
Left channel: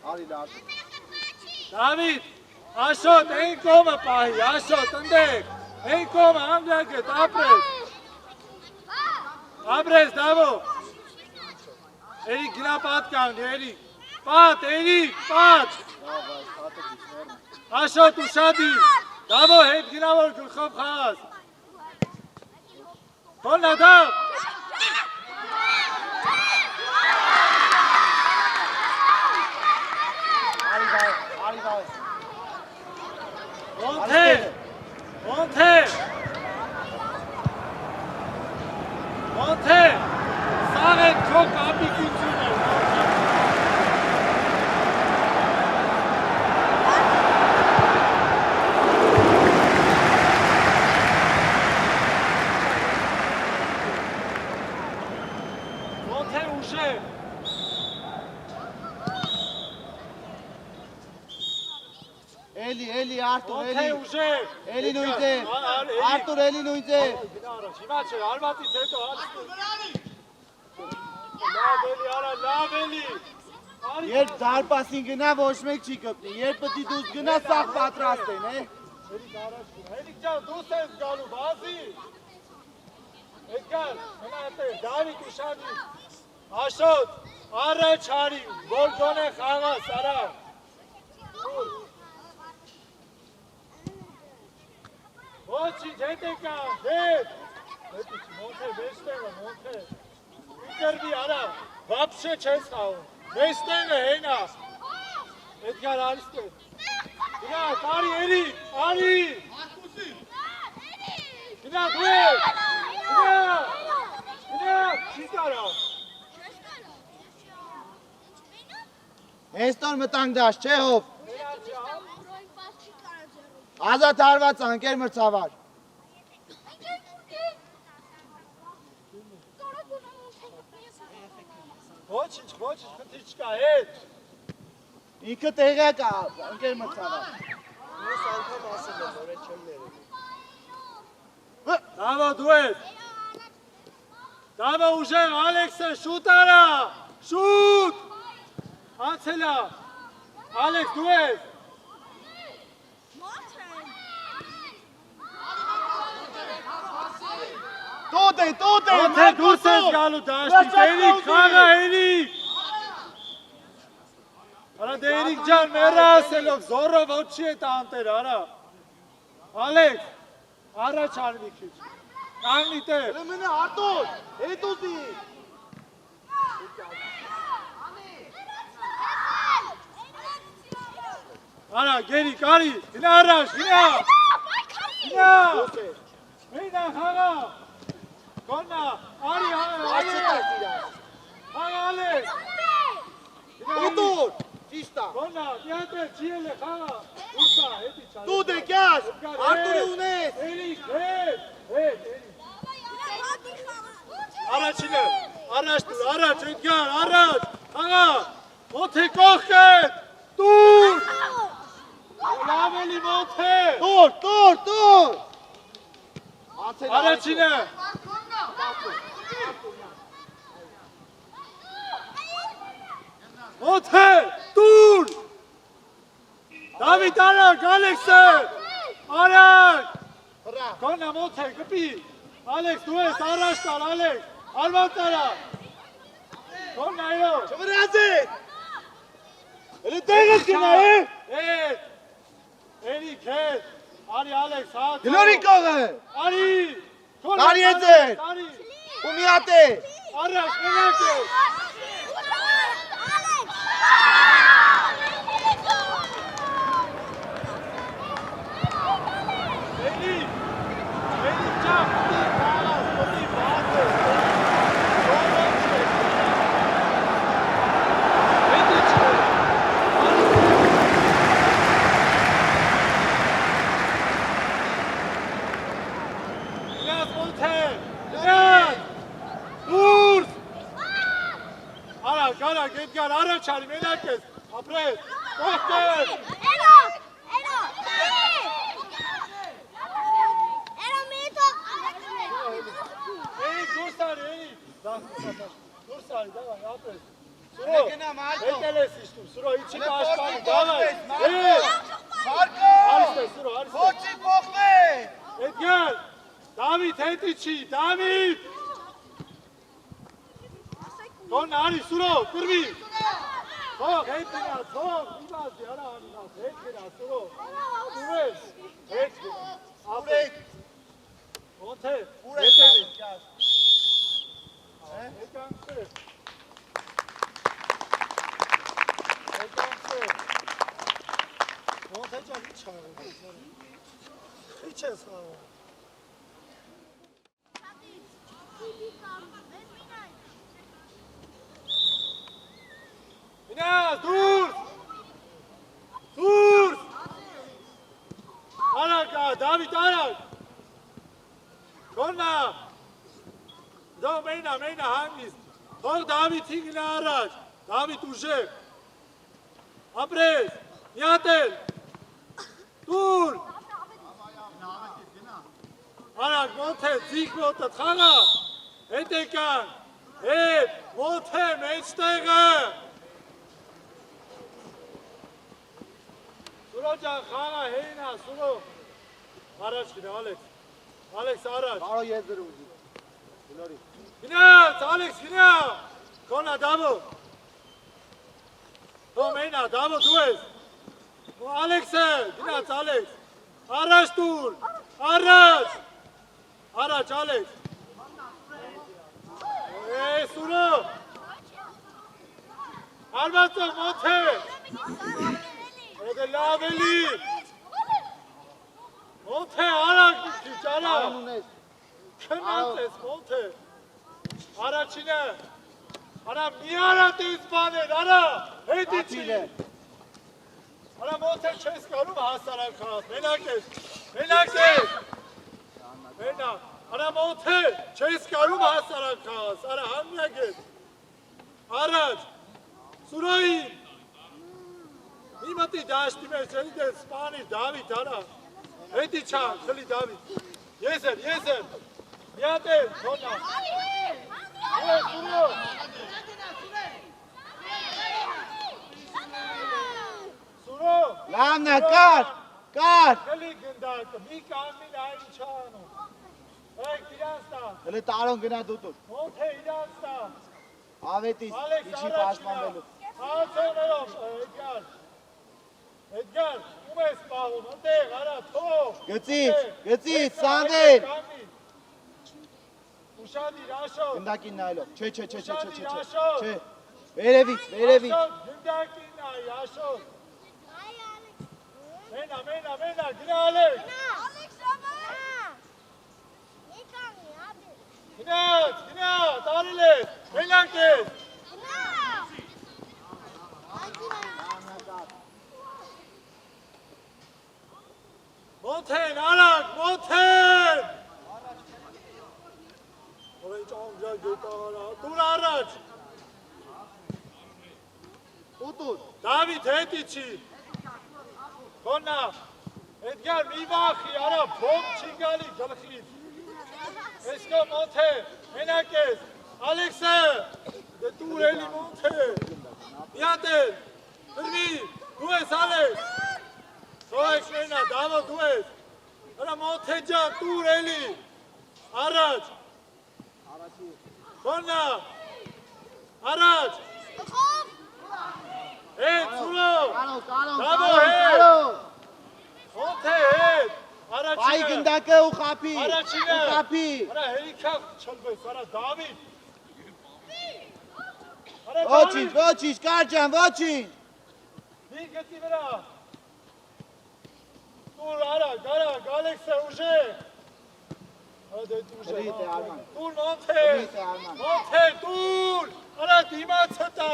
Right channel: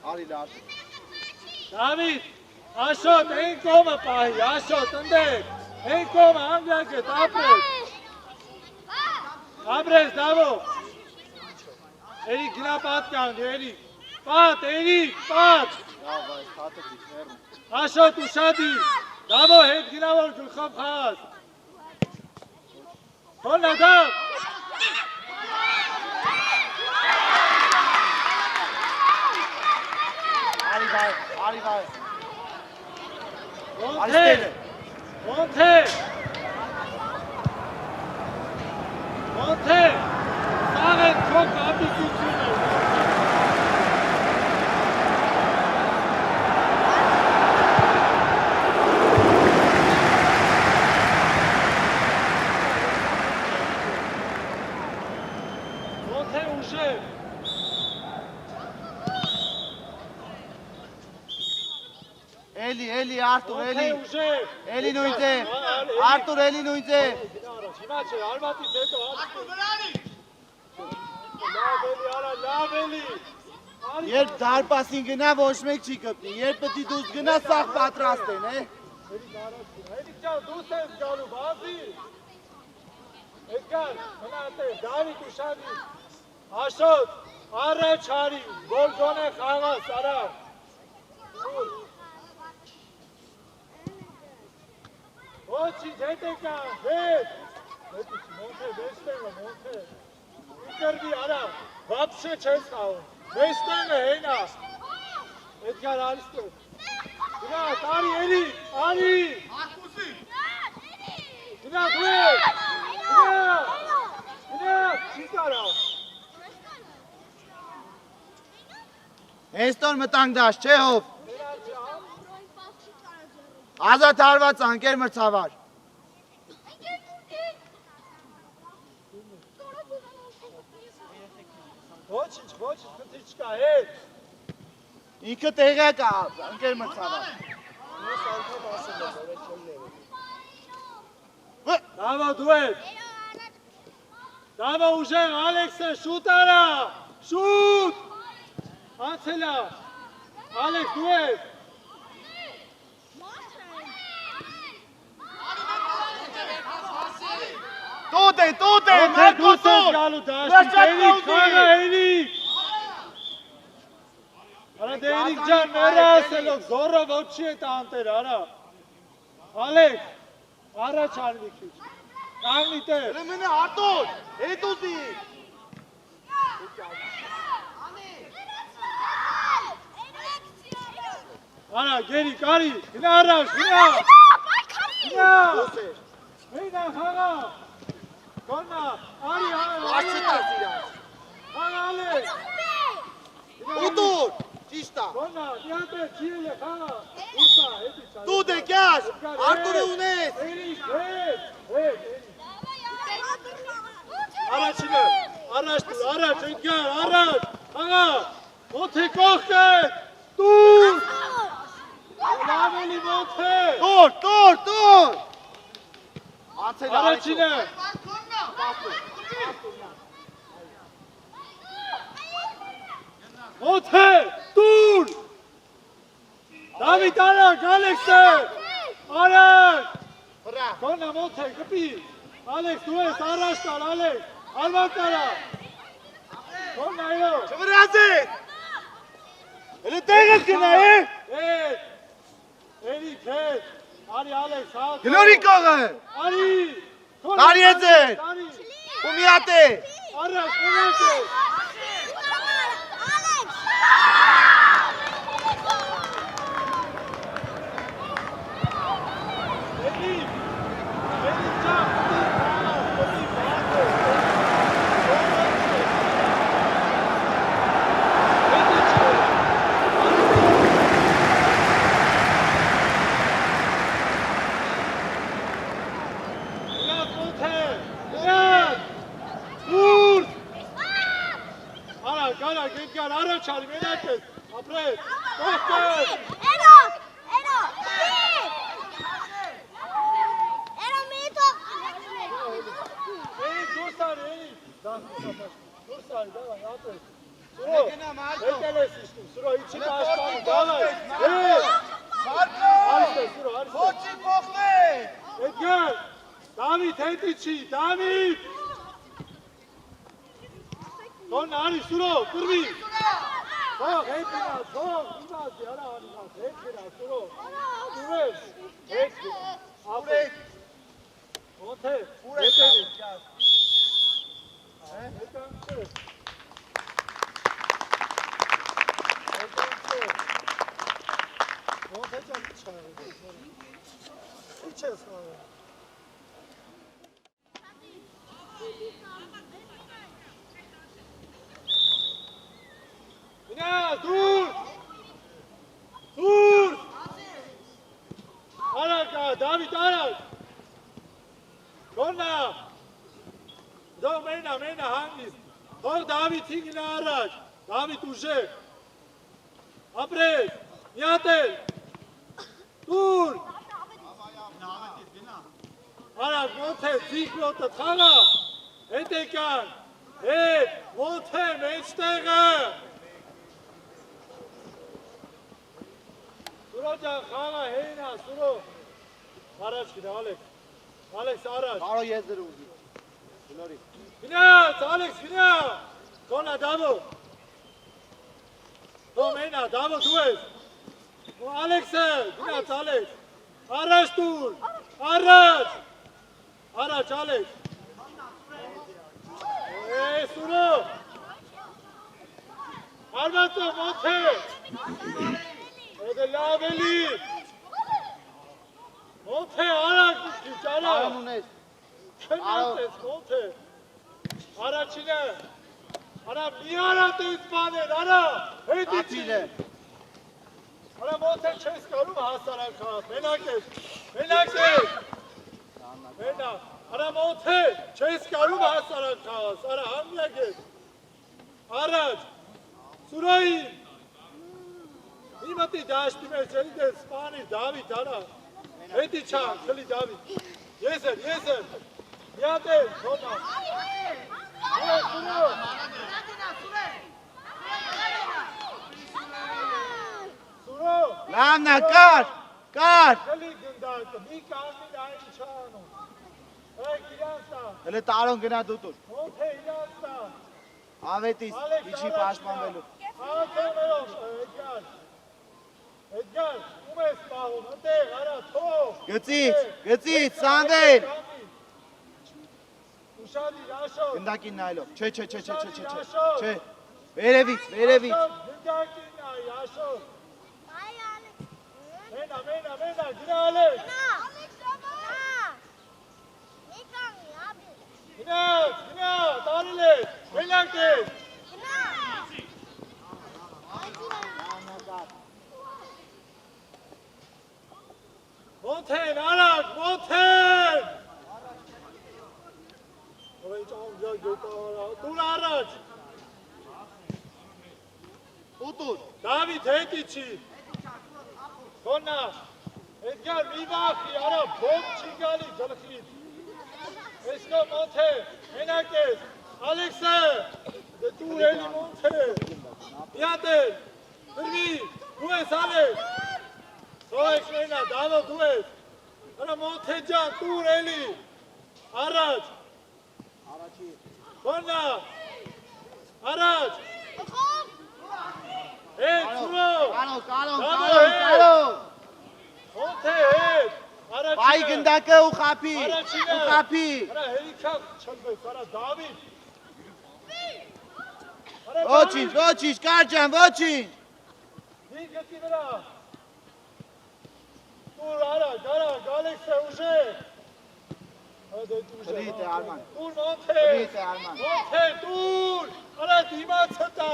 Արի լավ։ Դավիթ, Աշոտ, այն կողմը պահի, Աշոտ, ընդեք, այն կողմը անդակը, ապրես։ Ապրես, դավո։ Էրիկ, գնա պատ կանգ, Էրիկ, պատ, Էրիկ, պատ։ Աշոտ, ուշադի, դավո, հետ գնավոր գլխով խաղաս։ Հոնա, դավ։ Արի վայր։ Ոնթեր, ոնթեր, ոնթեր, սաղ են քոք անդուսություն։ Ոնթեր ուշեր։ Էլի, Արտուր, Ոնթեր էլի։ ուշեր։ Էլի նույն ձեր։ Արտուր, էլի նույն ձեր։ Շնա չէր, արմատից հետո լավ էլի, արա, լավ էլի։ Երբ դարպասին գնա ոչ մեկ չի կպնի, երբ պտի դուս գնա սաղ պատրաստ են, Էլիկ ջան, դուս ես գալու, բազի։ Էդգար, մնա տեր, Դավիթ ուշադի։ Աշոտ, առաջ հարի, որ գոնե խաղաս, արա։ Ոչինչ, հետ եկան, հետ։ Մոնթեր, մեստեղը, մոնթեր։ Իկրվի, արա, վապշե չես խաղում։ Մեստեղը, հենա։ Էդգար, արիստեղ։ Գնա, տարի, էրի, արի։ Գնա, դու ես։ Գնա, չի կարա։ Հեստոն մտանք դաշ, չէ հով։ Ազատ հարված անկեր մրցավար։ Ոչինչ, խնդիր չկա, հետ։ Ինքը տեղյակ է, անկեր մրցավար։ Դավո, դու ես։ Դավո, ուժեղ, Ալեքսը, շուտ արա, շուտ։ Անցելա, Ալեքս, դու ես։ Տոտ է, Ոնթեր դուրս ես գալու դաշտից, Էրիկ, խաղա, Էրիկ։ Արա դե Էրիկ ջան, մերը ասելով, զորով ոչի է տանտեր, արա։ Ալեքս, առաջ արվի քիչ։ Կանգնի տեր։ Մենե արտոտ, հետ ուզի։ Արա, գերիկ, արի, գնա առաջ, գնա։ Մենա, խաղա։ Կոնա, արի, Ալեքս։ Ուտուր, ճիշտ է։ Կոնա, դիանտեր, քիել է, խաղա։ Ուրսա, հետի սա։ Դու դեկյաս, Արտուրը ունես։ Էրիկ, հետ, Էրիկ։ Առաջինը, առաջ դու, առաջ, Էդգար, առաջ, խաղա, ոնթե կողք է, դուր, լավ էլի ոնթե, Տուր։ առաջինը, ոնթե, դուր, Դավիթ արագ, Ալեքսը, արագ, կոնա ոնթե, կպի, Ալեքս, դու ես, առաջ տար, Ալեքս, արված արա, կոնա այո, Չվրազ է։ Էլի տեղս գնա է։ Էրիկ, հետ, արի Ալեքս, հատ, Գլորի կողը։ արի, Տարի է ձեր։ տարի, Ու միատ է։ առաջ, մենակ է, Էրիկ, Ուշարի մենակ ես, ապրես, կողքեր։ Դուրսարի, դավայ, ապրես։ Սուրո, հետել ես իշտում, Սուրո, իչի կաշկանում, դավայ, արիստե, Սուրո, արիստե։ Ոչի փոխվեց։ Էդգար, Դավիթ, հետի չի, Դավիթ։ Դոն արի, Սուրո, կրվի։ Թող, հետ գնա, թող, իմազի, արա անիմազ, հետ գնա, Սուրո։ Սուրեն, հետ գնա, ապրես։ Ոնց է, հետևի։ Եկանք չէ։ Ոնց է ճան իչ հարը։ Իչ ես հարը։ Գնա, դուրս։ Դուրս։ Արակ, Դավիթ, արակ։ Կոննա։ Դո մենա հանգիստ, թող Դավիթի գնա առաջ, Դավիթ ուժեղ, ապրես, միատել, դուր, արակ ոնց է, ձիգ ոտը թաղա, հետ եկան, հետ, ոնց է, մեջտեղը, Սուրո ջան խաղա հեինա, Սուրո, առաջ գնա, Ալեքս առաջ, Կարո եզր ուզի, Գնաց, Ալեքս, գնա, կոնա Դավո, դո մենա, Դավո դու ես, Ալեքս է, գնաց Ալեքս, առաջ դուր, առաջ, Ալեքս, Սուրո, արվածով ոնց է, էդը լավ էլի, ոնց է, արակ ճանա, քնած ես, ոնց է, Առաջինը, արա մի արատ ես բաներ, արա, հետի չի, արա ոնց է չես կարում հասարակ խաղաց, մենակ ես, մենա, արա ոնց է չես կարում հասարակ խաղաց, արա համյակ ես, առաջ, Սուրոյի, մի մտի դաշտի մեջ, էլի դեր սպանի, Դավիթ, արա, հետի չան, խլի Դավիթ, ես եմ, միատել, կոնա, Սուրո, Լանա, կար, Խլի գնդակը, մի կամին այն չանում, Էկ իրանց տա, հլը տարոն գնա դուտուր, ոնց է իրանց տա, ավետիս, իչի պաշպանվելու, Հաղացողներով, Էդգար, ում ես պաղում, ընտեղ, արա, թող, գծից, Սանդել, Ուշադի, Ռաշոտ, գնդակին նայլով, չէ, վերևից, Գնդակին նայ, Ռաշոտ, մենա, գնա Ալեքս, գնա, տարել ես, մենակ ես, ոնց են, արակ, ոնց են, դուր առաջ, ուտուր, Դավիթ հետի չի, կոնա, Էդգար մի վախի, արա, բոմ չի գալի գլխից, Էսկո ոնց է, մենակ ես, Ալեքսը, դուր էլի ոնց է, միատել, կրվի, դու ես Ալեքս, դու ես մենա, Դավո դու ես, արա ոնց է ջան, դուր էլի, առաջ, կոնա, առաջ, հետ, Սուրո, Դավո հետ, ոնց է հետ, Բայ գնդակը ու խապի, Արա հերիքավ չլվես, արա Դավիթ, ոչինչ, կար ջան, ոչինչ, մի գտի վրա, դուր արակ, Ալեքսը ուժեղ, դուր ոնց է, դուր, արա դիմացը տա,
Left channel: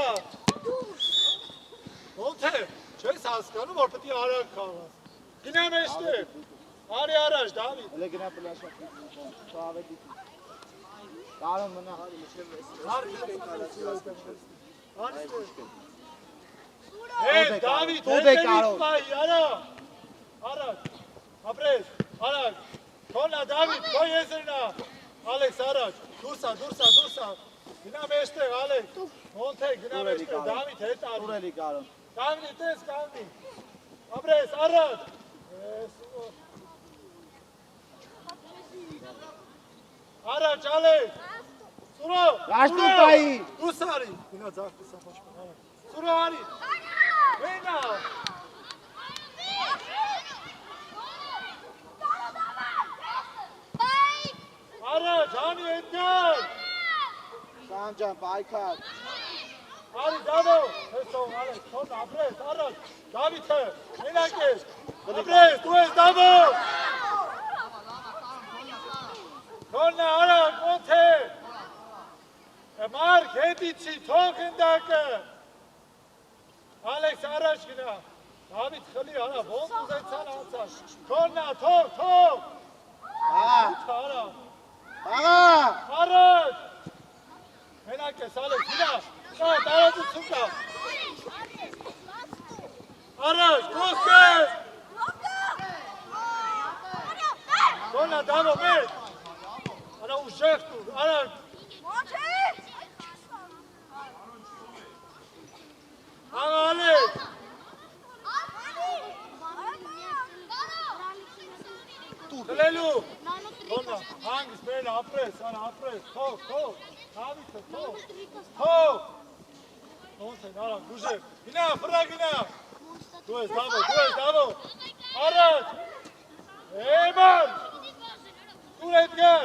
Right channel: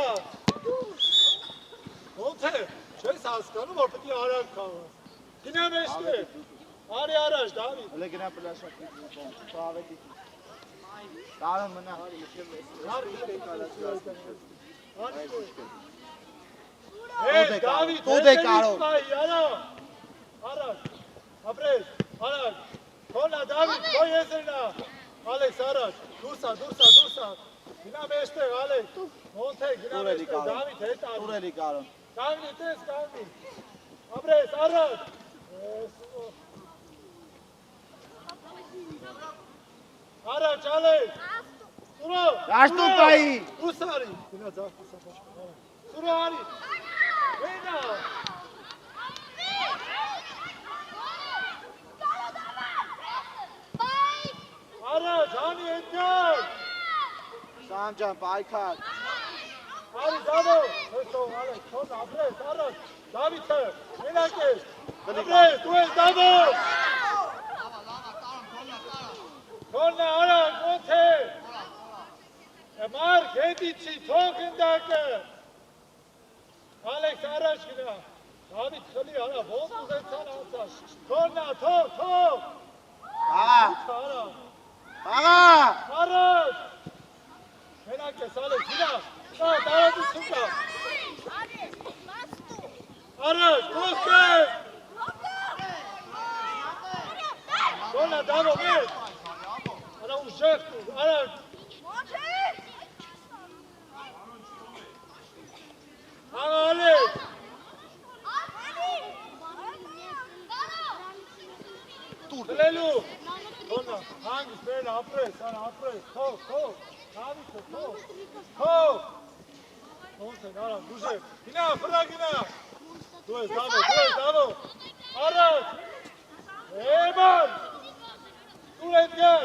ոնց է, չես հասկանում, որ պտի արակ խաղա, գնա մեջտեղ, արի առաջ, Դավիթ, հլը գնա պլասա, ավետիս, տարոն մնա, արի, Դավիթ, Տուդ է կարող։ Արա, առաջ, ապրես, առաջ, քոնա Դավիթ, քո եզրնա, Ալեքս առաջ, դուրսա, գնա մեջտեղ, Ալեքս, Մոնթե, գնա մեջտեղ, Դավիթ, հետ արի, Տուր էլի կարոն։ կանգնի, տես, կանգնի, ապրես, առաջ, առաջ, Ալեքս, Սուրո, Դաշտուկայի։ Ուսարի, գնա ձախ, Սուրո արի, Venga! Ara, Dani Edgar! Sancan, Baykar. Ari, Davo! Eso, Alex, son, apres, Ara, David, Menakes, apres, tu es Davo! Konna, Ara, Monte! Mark, Hedici, Tokendake! Ալեքս առաջ գնա, Դավիթ խլի արա, ոնց ուզեցան անցած, քոննա, թող, առաջ, մենակ ես, Ալեքս, գնա, տարածություն կա, առաջ, ոսկես, քոննա, Դավո, մեկ, արա ուժեղ տուր, առաջ, Ալեքս, Գլելու, քոննա, հանգիս բերել, ապրես, թող, Դավիթը, թող, ոնց են, արա, դուժև, գնա, վրա գնա, դու ես Դավո, առաջ, Էման, դուր Էդգար,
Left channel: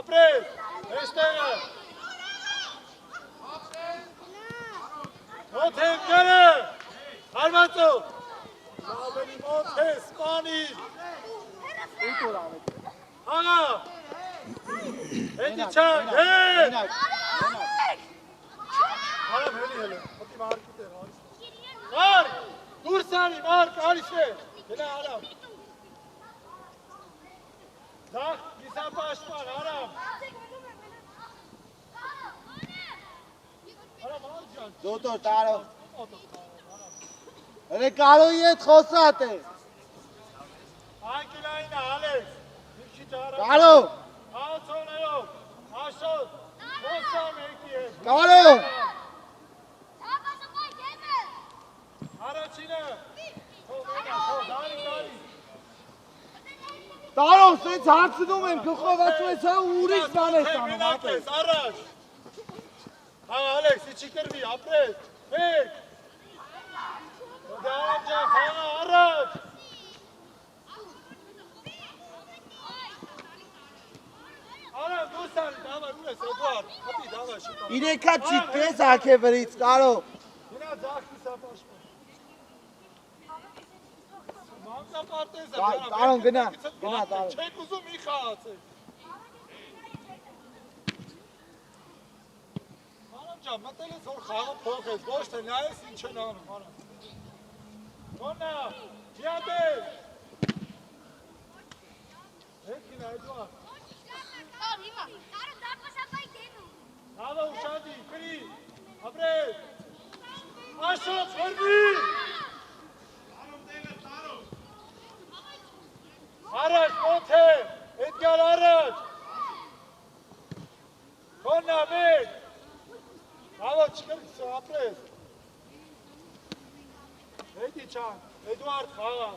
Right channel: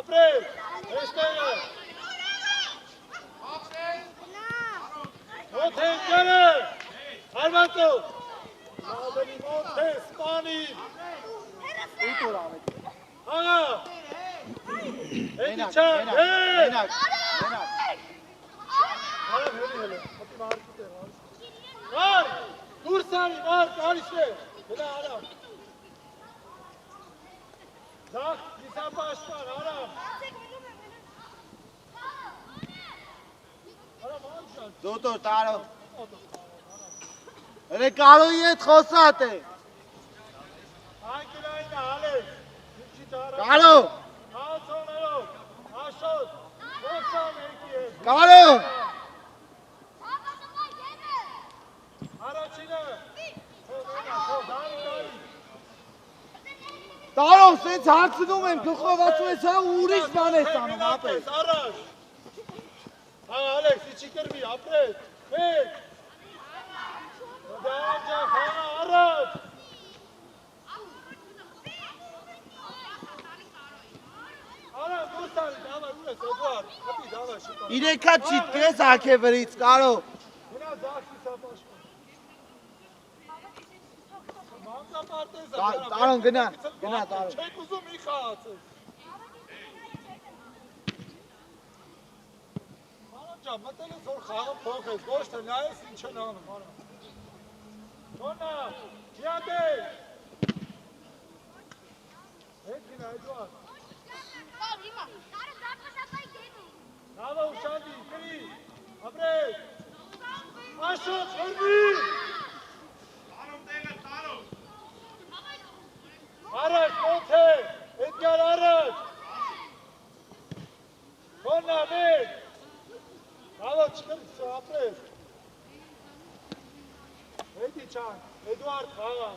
ապրես, էստեղը, Մոնթե Էդգարը, հարվածով, Ալենի Մոնթե, Սպանիր, Աղա, Էդի չան, հեկ, Արան հելի, հոտի մարկուտ է, Մար, դուրսանի, մարկ, արիս է, հելա Արամ, Դախ, դիսապաշպան, Արամ, Արամ, արշան, Դոտոր, տարո։ Էլե կարոյի հետ խոսատ է։ Անկելային է, Ալեքս, դուքի տարա, Կարո։ Ալցոներով, Աշոտ, Ոստան եկի հետ, Կարո։ Առաջինը, Դարի, Տարո, սենց հացնում եմ, գլխով ասում ես, հա ուրիշ բան ես անում, ապես։ Առաջ, Ալեքս, իչի կրվի, ապրես, մեկ, Դարան ջան, խանա, առաջ, Արա, դուսարի, դավա, ու ես, Էդվարդ, հապի, դավա, շուտա, Իրեկա չիտես ակեվրից, կարո։ գնա ձախքի սապաշկան, մանկապարտեզ է, Տարոն, գնա, Տարոն։ չեք ուզում մի խաղացեք, մտել ես որ խաղը փոխես, ոչ թե նայես ինչ են անում, արա։ Քոննա, հիատեր։ Հետ գնա, Էդվարդ։ Նավա ուշանդի, կրի, ապրես։ Աշոտ, խորվի։ Առաջ, Մոնթե, Էդգար առաջ։ Քոննա, մեկ։ Ալո, չկրկսո, ապրես։ Էդի չան, Էդվարդ խաղա,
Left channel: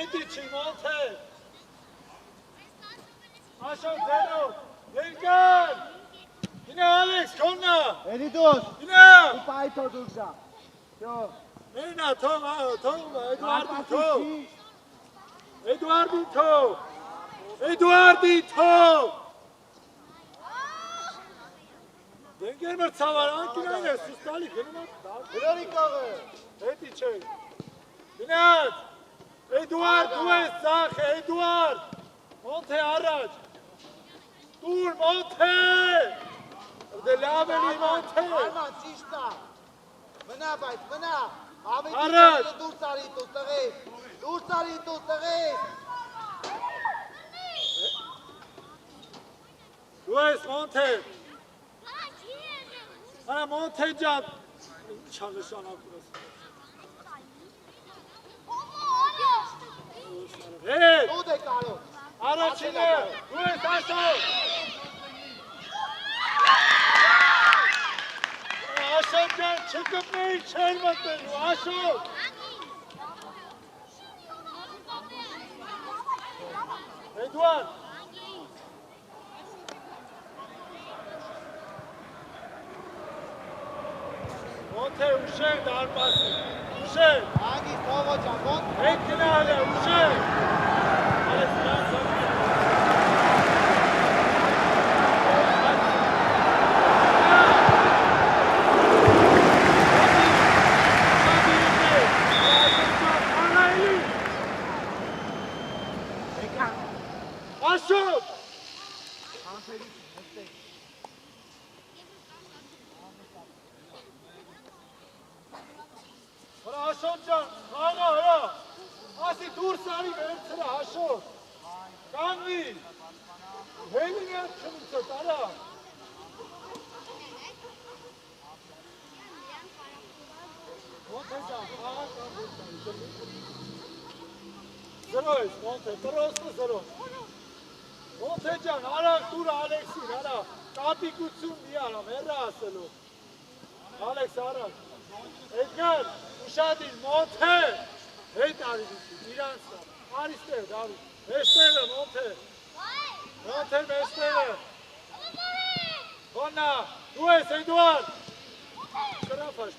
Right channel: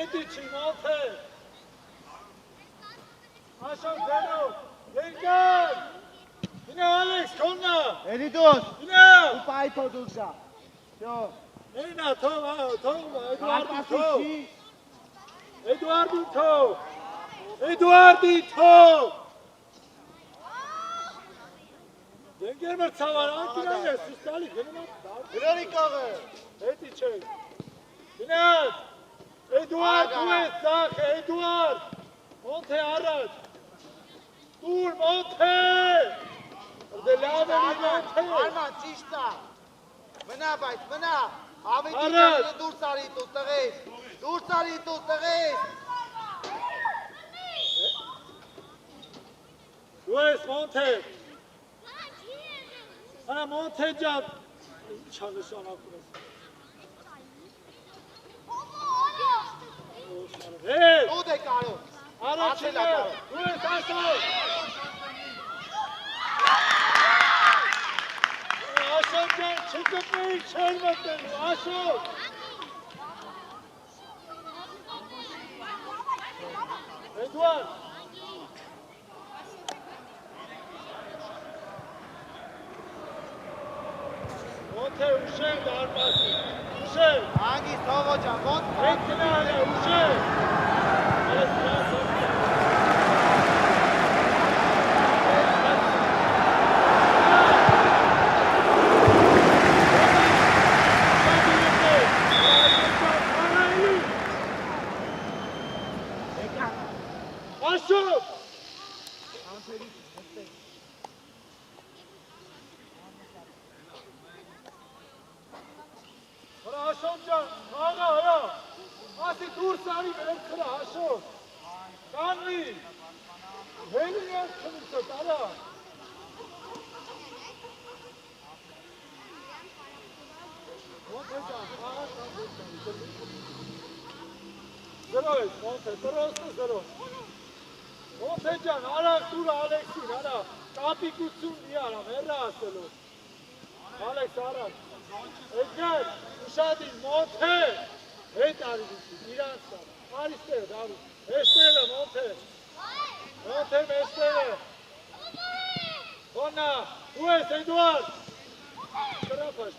Էդի չի, Մոնթե։ Աշոտ ձերով, Էդգար, գինա Ալեքս, քոննա։ Էրիդոս, Գինա։ ու պայթո դուրժա։ Շո։ Էնա, թող, Էդվարդին թող։ Էդվարդին թող։ Դենգեր մրցավար, անկինային ես, սուստալի, գնի կաղը, հետի չէ, գնաց, Էդուարդ, դու ես ծախ, Էդուարդ, Մոնթե առաջ, դուր, Մոնթե, դե լավ էլի Մոնթե, Արման, ճիշտա, մնա բայց, մնա, ավետի Առաջ։ դուր ծարի տու տղես, դուր ծարի տու տղես, դու ես Մոնթե, Արա Մոնթե ջան, ինչ անշանակում ես, Դու ես ասով։ Ասով ջան, չկպնեի չեր մտնելու, ասով։ Էդուարդ։ Ոնթե ուշեն դարպասի, ուշեն։ Անգի թողո ջան, Հետ գնալ է, ուշեն։ Ասով։ Հաշով ջան, աղա, հրա, ասի դուրս արի վերցրա, հաշով, կանվի, հելին ես չմուկտ, արա, ոնց է ջան, աղա կանվի, զրո ես, ոնց է, տրոսու զրո, ոնց է ջան, արա դուր Ալեքսին, արա, կապիկություն մի արա, մերրա ասելով, Ալեքս արա, Edgar, ușadii, monte! Hei, tari, Miransta, Aristeu, David, Estele, monte! Monte, Estele! Bona, tu ești, Eduard! Ce-a fost?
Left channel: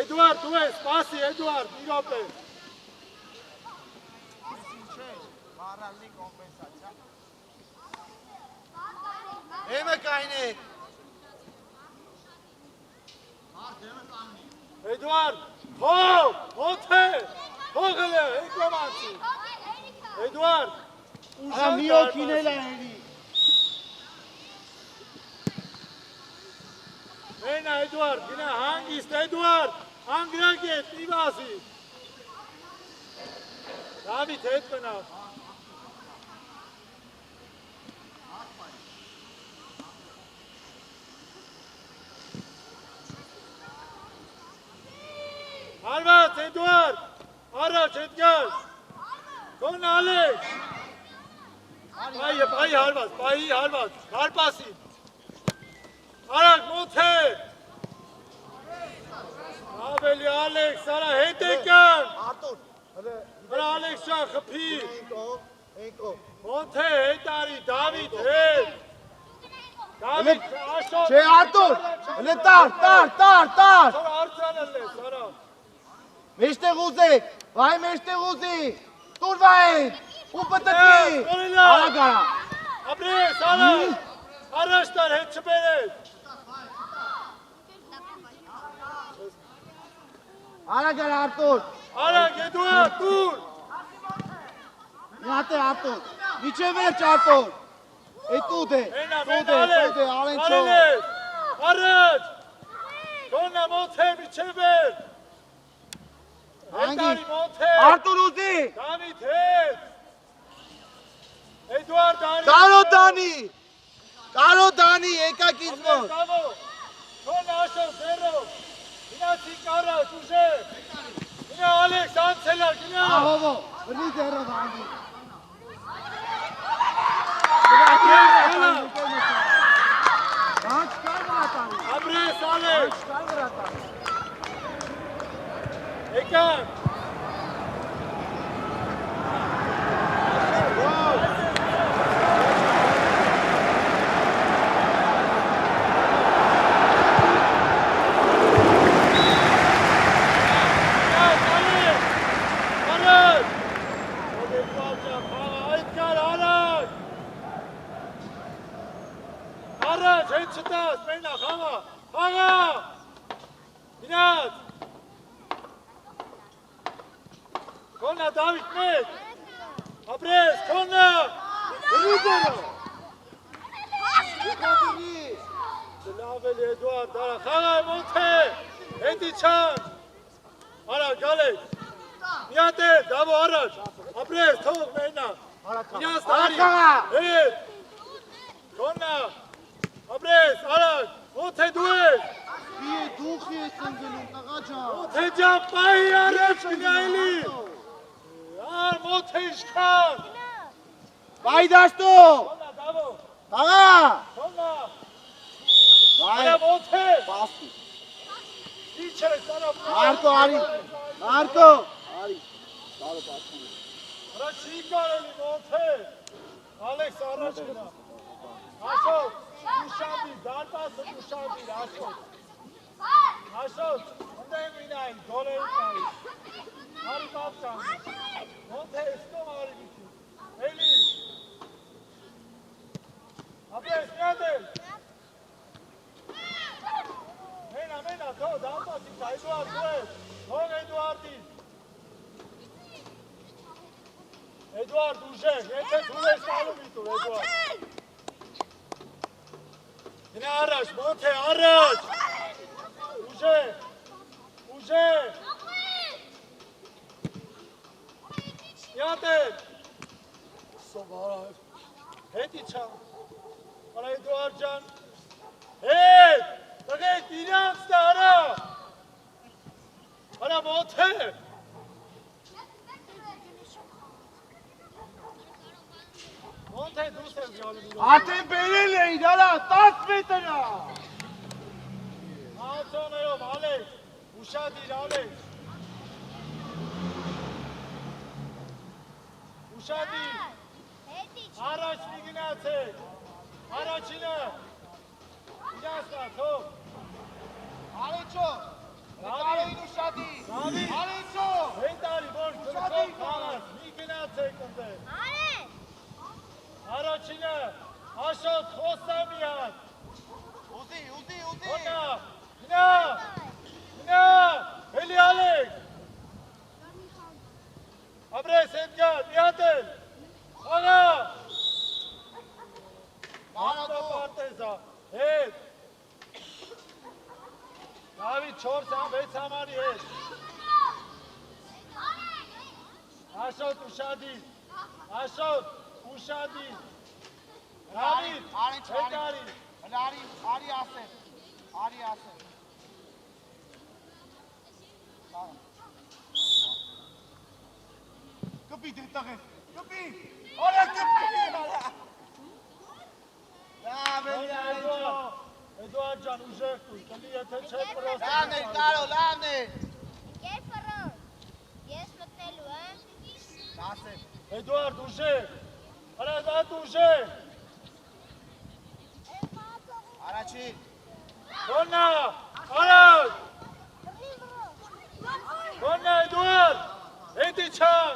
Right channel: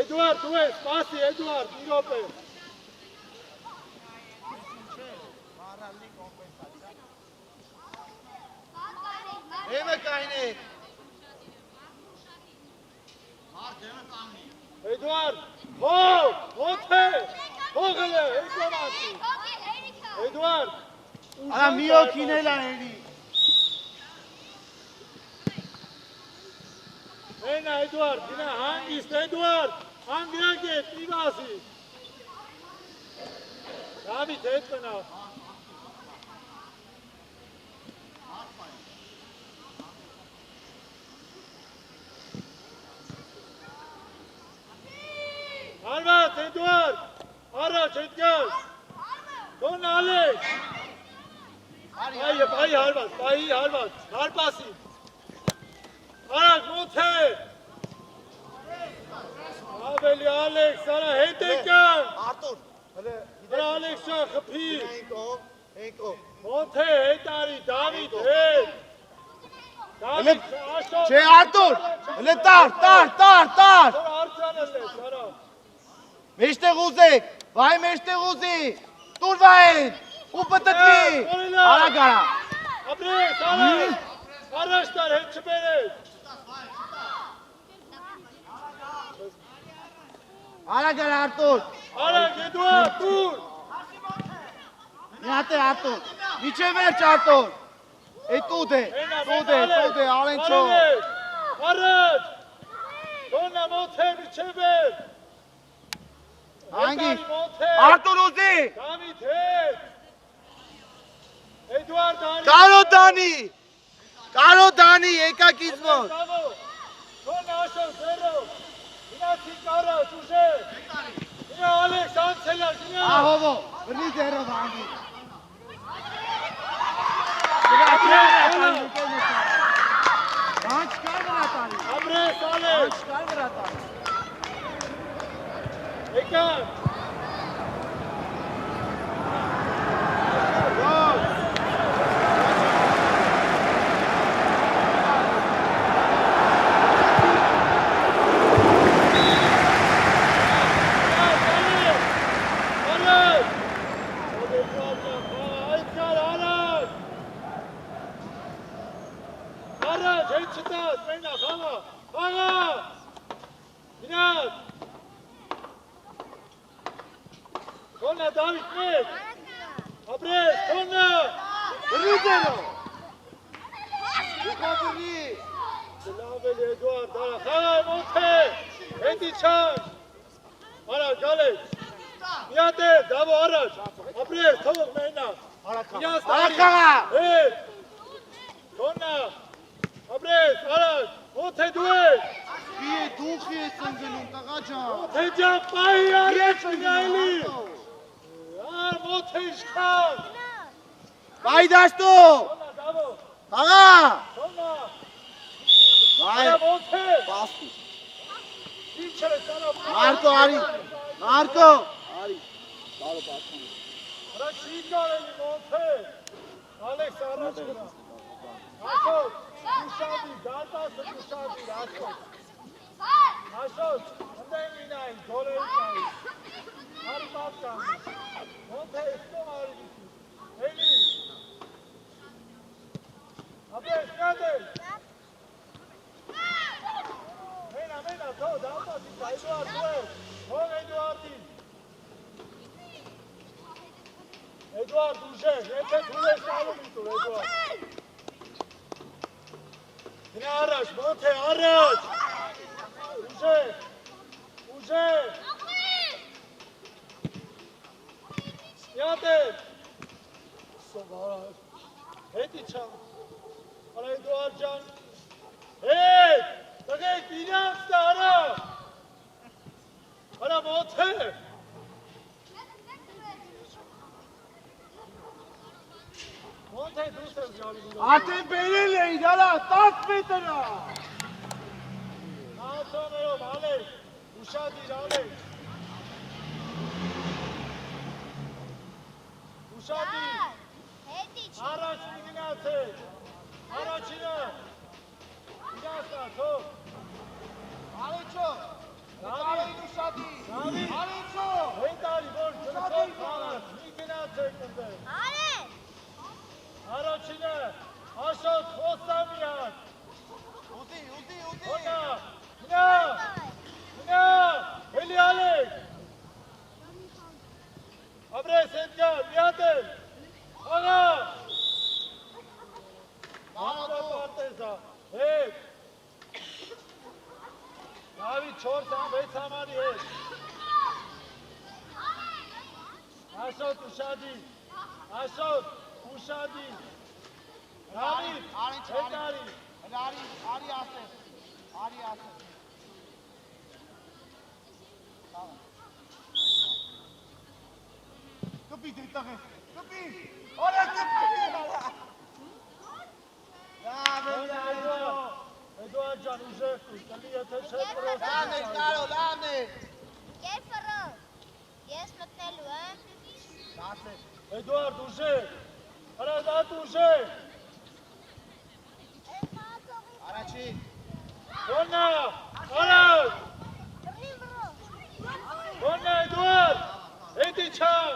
Eduard, tu ești, pasi, Eduard, Mirope! Hei mă, Caine! Eduard, hop, monte! Hogele, Eduard! Eduard! Արա մի օքին էլ անելի։ Մենա Էդուարդ, գինա հանգիստ Էդուարդ, հանգրակ ես, մի բասի։ Դավիթ հետ մնա։ Հարված Էդուարդ, առաջ հետ գալ։ Կոն ալեք։ Պայի հարված, պայի հարված, հարպասի։ Արակ մոտ է։ Ավելի Ալեքս, արա հետ եկան։ Արա Ալեքս շան խպի։ Մոտ է, հետ արի, Դավիթ, հետ։ Դավիթ, աշոտ։ Չէ, Արտուր, հլե տար։ Արձանը լես, արա։ Մեջտեղ ուզեք, վայ մեջտեղ ուզի, տուր վայեն, ու պտտի, արա գարա։ Ապրես, արակ, առաջ տար, հետ չբերես։ Արա գարա Արտուր, Արակ, Էդուարդ, տուր։ միատ է Արտուր, միջև վերջ Արտուր, տուտ է, ալենչո։ Առաջ, կոնա մոտ է, միջև վերջ։ Անգի, Արտուր ուզի, Դավիթ հետ։ Էդուարդ Դանի։ Կարո Դանի, եկակ իզմոտ։ Կոն աշոտ, ձերով։ Գնացի կարած, ուժե։ Գնա Ալեքս, անցելար, գնա։ Ահովո, վրի ձերով անգի։ Բանչ կար վրատանի։ Ապրես, Ալեքս։ Կար վրատանի։ Եկան։ Առաջ, հետ չտաս, մենա, խաղա, գնաց, կոնա Դավիթ մեկ, ապրես, կոնա, բրի ձերա, եկաբրի, լավ էլ Էդուարդ, արա, խաղա մոտ է, հետի չան, արա, գալես, միատ է, դավո առաջ, ապրես, թող մենա, միած դարի, հետ, կոնա, ապրես, առաջ, մոտ է դու ես, Դուխի ես ընգնում, կաղաջա։ Թեջան պայի արեց գայլի, Edouard, monte iշխան։ Բայդաստո։ Թոնա, դավո։ Աղա։ Թոնա։ Բայ։ Արա monte։ Բասի։ Ինչ է, սանա։ Մարկո արի։ Մարկո։ Արի։ Բարո բացում։ Արա չի կարելի monte։ Ալեքս առաջ գնա։ Աշոտ, ուշադիր, դարտասը ուշադիր, Աշոտ։ Աշոտ, ընդեն մինային, գոլերի կայի։ Արի պատկան։ Monte, ստո արի դիքի։ Էլի։ Ապրես, նյադել։ Մենա, թո, դարտասի կա, Էդուարդ, դու ես։ Հող Էդուարդին։ Էդուարդ, ուժեր, եթե դու ես տալում իտուր, Էդուարդ։ Գնա առաջ, Monte, առաջ։ Ուժեր։ Յատեր։ Սովար։ Հետ իչա։ Արա Էդուարդ ջան։ Հետ, տղեկ իրանց դա արա։ Արա Monte։ Monte դուս ես գալու։ Ատեն բերել էի, դալա 10 մետրա։ Ացաներով, Ալեքս, ուշադիր, Ալեքս։ Ուշադիր, առաջ մի գնացեք, առաջինը, իրասնա, թող։ Արիչո։ Նկարել ուշադիր։ Արիչո։ Հետարի, որ ծրծով խաղաս, մի գնացեք ընդեղ։ Առաջինը, Աշոտ, խոստա մի հատ։ Ուտի։ Հոնա, գնա, էլի Ալեքս։ Ապրես, Էդգար, միատել, հոնա։ Անտապարտեզա, հետ։ Նավի 4-6 համարի հետ։ Աշոտ, ուշադիր, Նավի, Էդգարի։ Արի ասե։ Կպի դիտաղե։ Կպի։ Օրա կպի։ Լավ է, Էդուարդ ջան, ուժեղ կույր, կլի եթե չէ պրոս։ լավն է, կարո, լավն է։ Ես մտնելու, Դասե։ Էդուարդ, ուժեղ, հրազատ ուժեղ։ Արաչի։ Հոնա, առաջ։ Հոնա, Էդուարդ, հետի չան։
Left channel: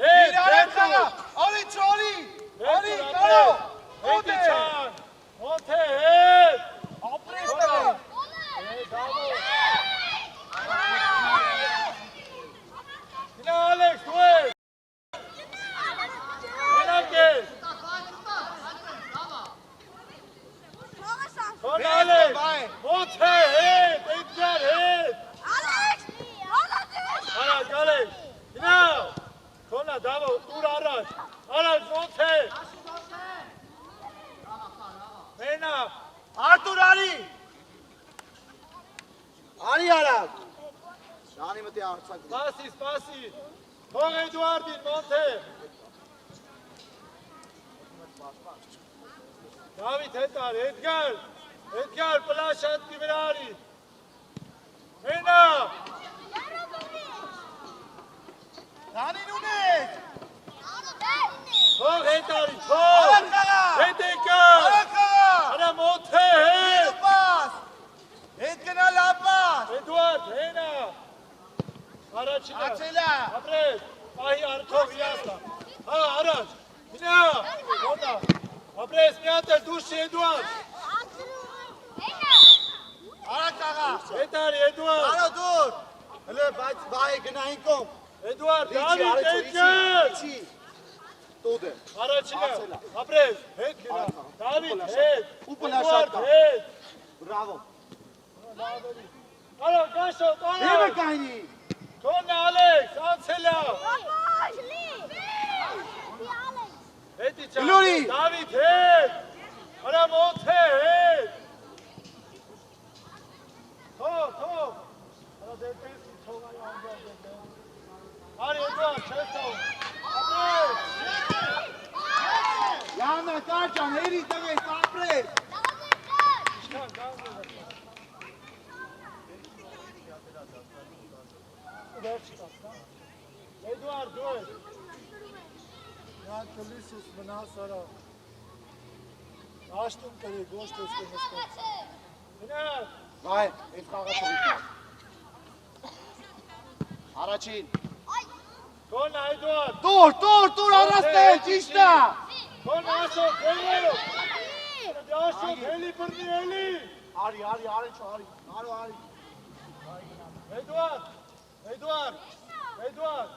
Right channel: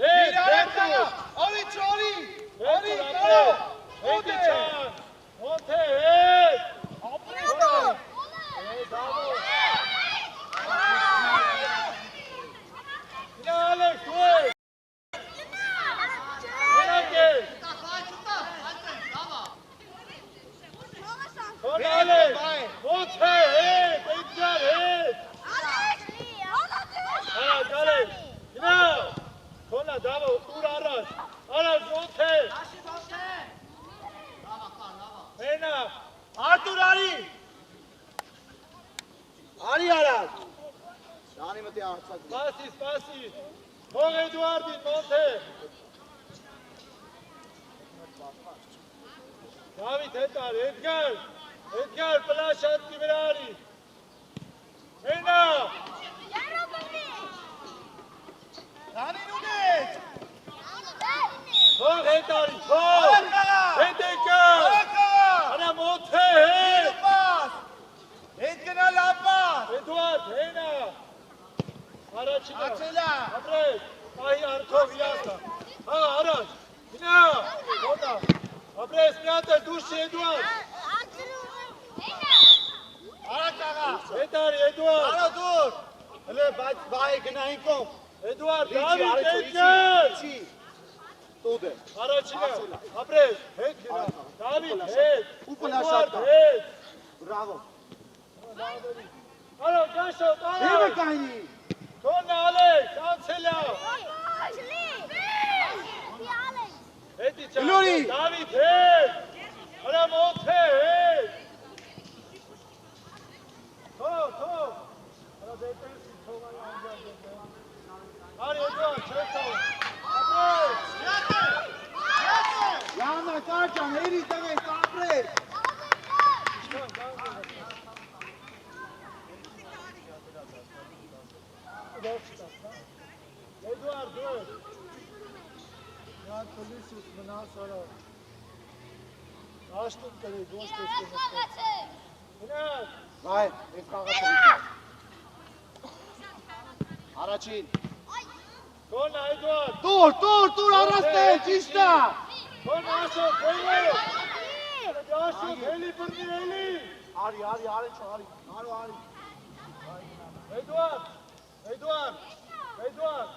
Հետ, հետու։ Արի, կարո։ Հետի չան։ Monte, հետ։ Ապրես Հոնա։ տղե։ Դավո։ Գնա Ալեքս, դու ես։ Գնանք ես։ Հոնա Ալեքս, Monte, հետ, Էդգար, հետ։ Առաջ, Ալեքս, գնա։ Հոնա, դավո, ուր առաջ, Monte։ Մենա, Արտուր արի։ Արի արավ։ Դանի մտի արցակ։ Սպասի։ Թող Էդուարդին, Monte։ Դավիթ, հետ արի, Էդգար, պլաշ հատկի վրա արի։ Մենա, Դանին ունեց։ թող հետ արի, թող։ Հետ եկար։ Արա Monte, հետ։ Հետ գնա լապաս։ Էդուարդ, հենա։ Առաջինը։ Ացելա։ Ապրես, պահի արդով իրասա։ Հա, առաջ, գնա, հոնա։ Ապրես, միատր, դուշ Էդուարդ։ Արա կաղա։ Հետ արի, Էդուարդ։ Արա դուր։ Հլը բայ գնային կոմ։ Էդուարդ, Իչի, Դավիթ, արեցո, Էդգար։ իչի։ Տուդ է։ Առաջինը, ապրես, հետ գնա։ Դավիթ, հետ։ Ու պլաշ Էդուարդ, հատկա։ հետ։ Բրավո։ Արա, գաշոտ, Եմը արա։ կայնի։ Թոնը Ալեքս, անցելա։ Հետի չան։ Գլորի։ Դավիթ, հետ։ Արա Monte, հետ։ Թող։ Արա դեպենսի թող այ անջան դեպեն։ Արի Էդուարդ, չես տաղում։ ջան, հերի տվեք, ապրեք։ Էդուարդ, դու ես։ Նա կլիսուս մնաս արա։ Աշտում կրեք, ոչ թե ստեմ ստեմ։ Գնաս։ Վայ, այդ խաղը թողիկար։ Առաջին։ Կոնա, Էդուարդ։ Տուր, առաստել, ճիշտ է։ Կոնա, ասոտ, հելիո։ Ասոտ, հելի բրնի, հելի։ Արի, արի։ Էդուարդ,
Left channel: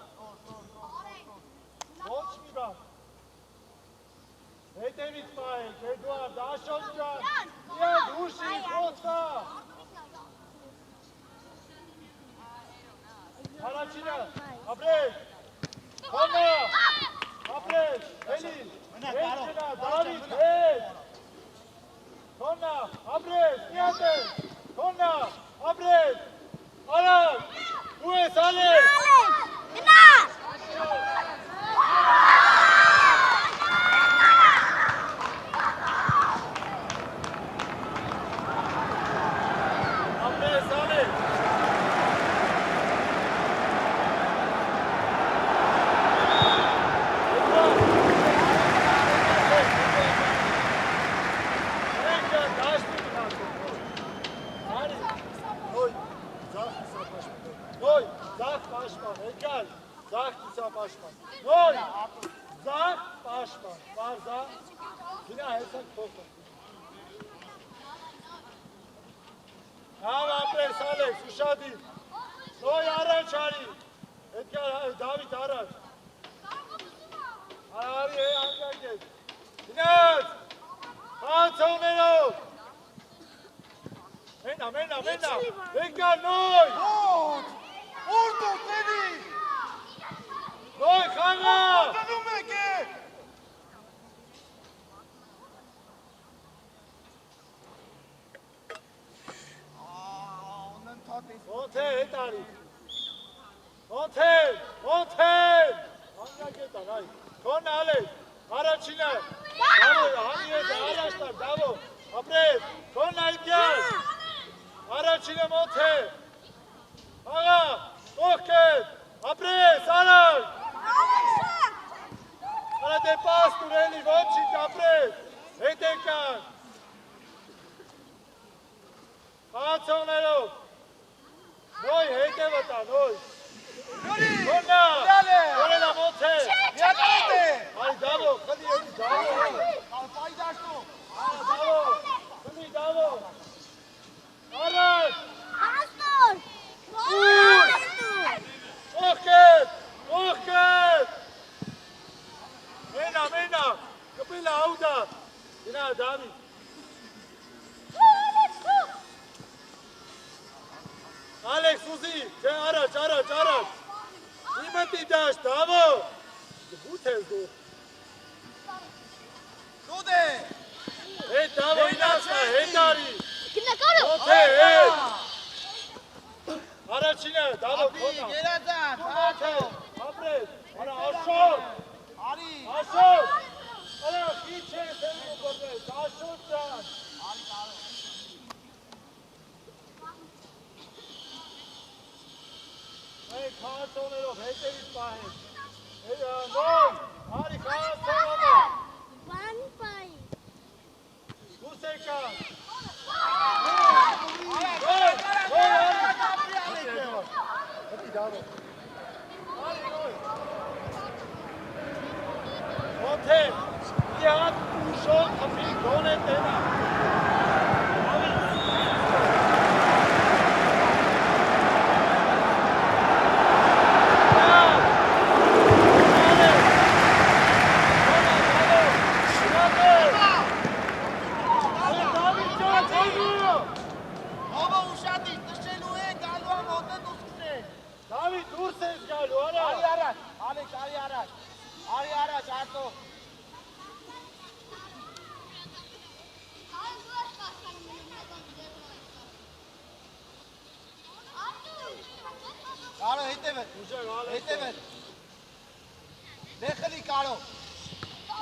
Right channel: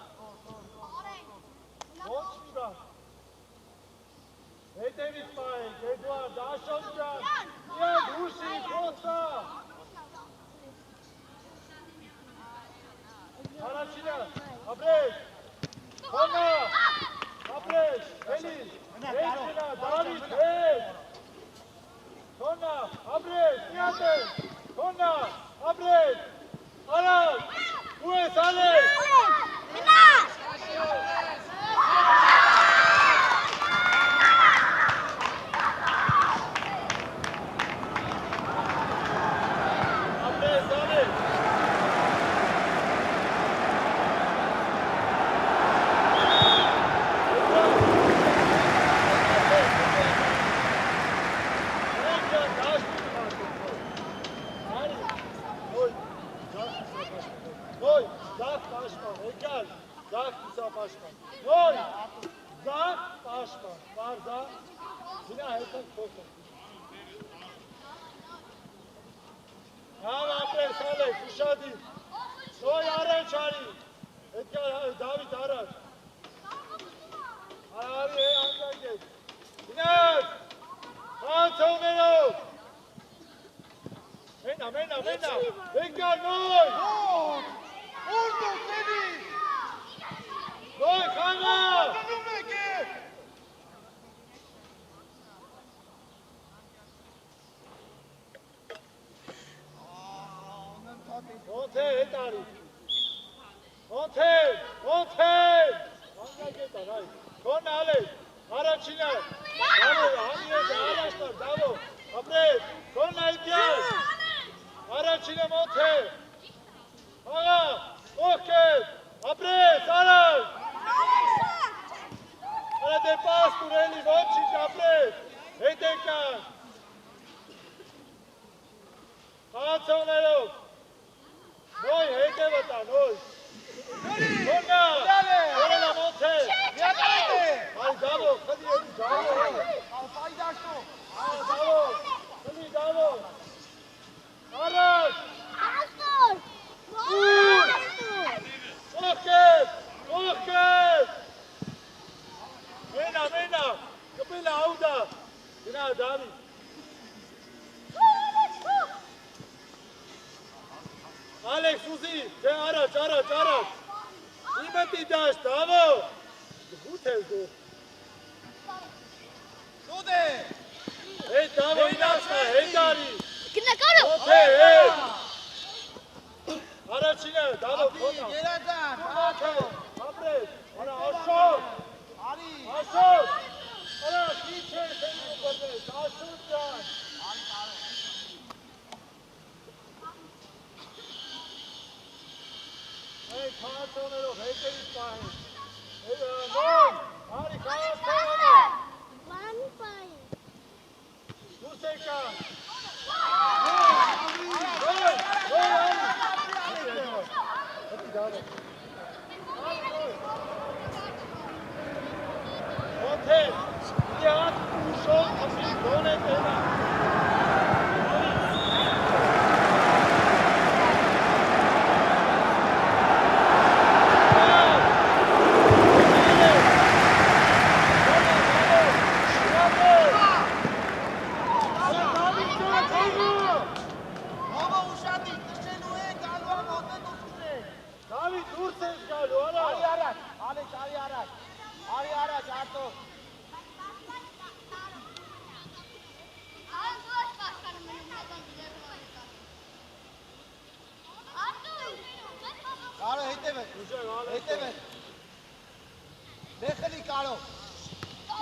ոչ մի բան։ Հետևից պահենք, Էդուարդ, Աշոտ ջան, միակ հուշի, խոսա։ Առաջինը, ապրես, Կոնա, ապրես, հելի, հետքնա, Դավիթ, հետ, Կոնա, ապրես, միատես, Կոնա, ապրես, արած, ու ես ալես,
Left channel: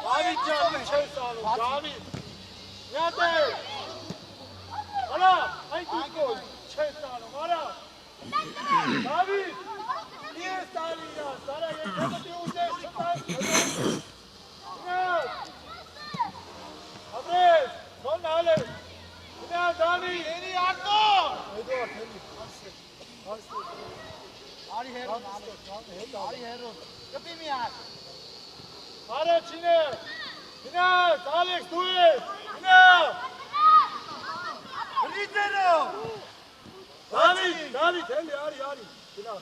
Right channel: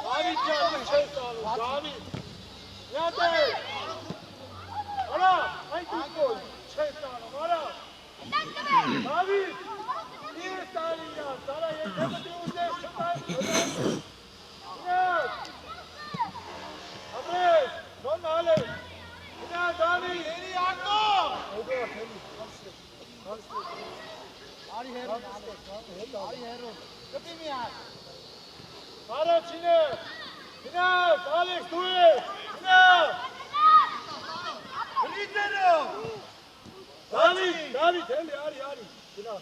David canım çestanım. David. Nerede? Ara. Haydi gol. Çestanım. Ara. David. Niye sarın ya? Sana yetemedi uca. Yine. Abi. Son hale. Yine David. Yeni yardım. Hadi bak. Ari Hero. Kapıyı ya. Ara Çin'e. Çin'e. Alex do it. Çin'e. Rizero. David. Ari. Çin'e.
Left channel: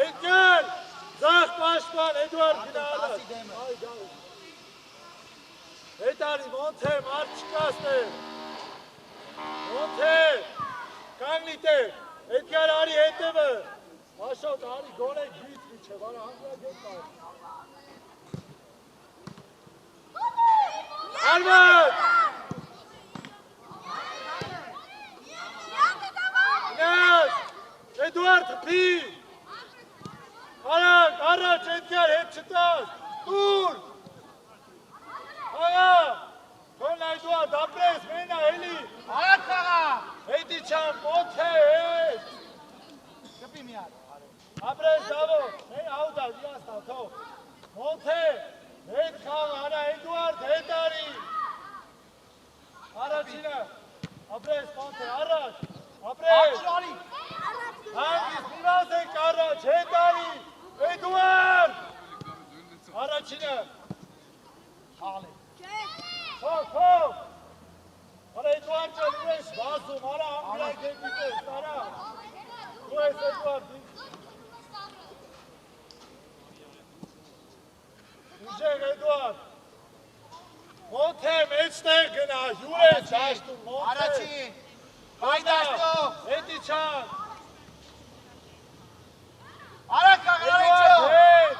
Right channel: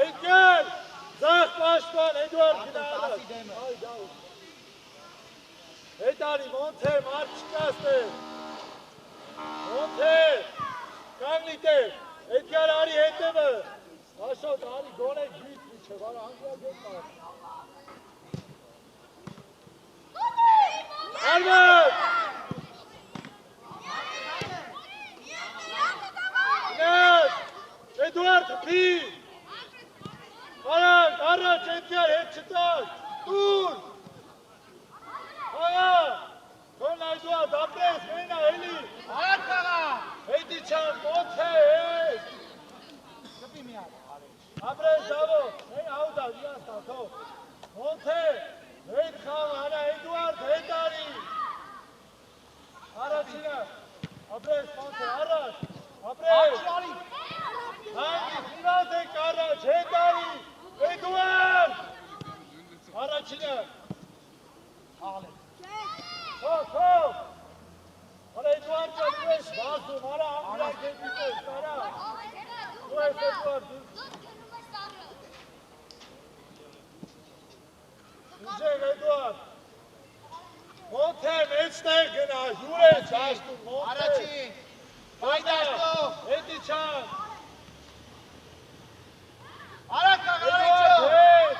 Engel. Zah başkan Eduard Çin'e. Haydi. Edari Monte Marçkaste. Monte. Kanglite. Edgar Ari Edeme. Aşağı Ari gole büyük bir şey var. Hangi geçer? Albert. Ines. Eduard P. Araç Edgar hep çıkar. Dur. Aya. Son Eduard Abdes. Mena Eli. Ayaklara. Hedi Çam. Monte. Abres Davo. Hey Auda. Yasta. To. Monte. Hed Khan. Ana Eduard. Hedari. Aracina. Abres Monte. Araç. Abres. Hangi Sivas'e Karaç. Hedari. Eduard. Aracina. Top. Ara Eduard Luis. Basum. Ara Ambilay Kepite. Ara. Luis Eduard. Ucek Eduard. Monte Metzner gena. Luis. Bastum. Monte. Araçin. Paydaşto. Edi Çan. Araka Eduard. Araçin.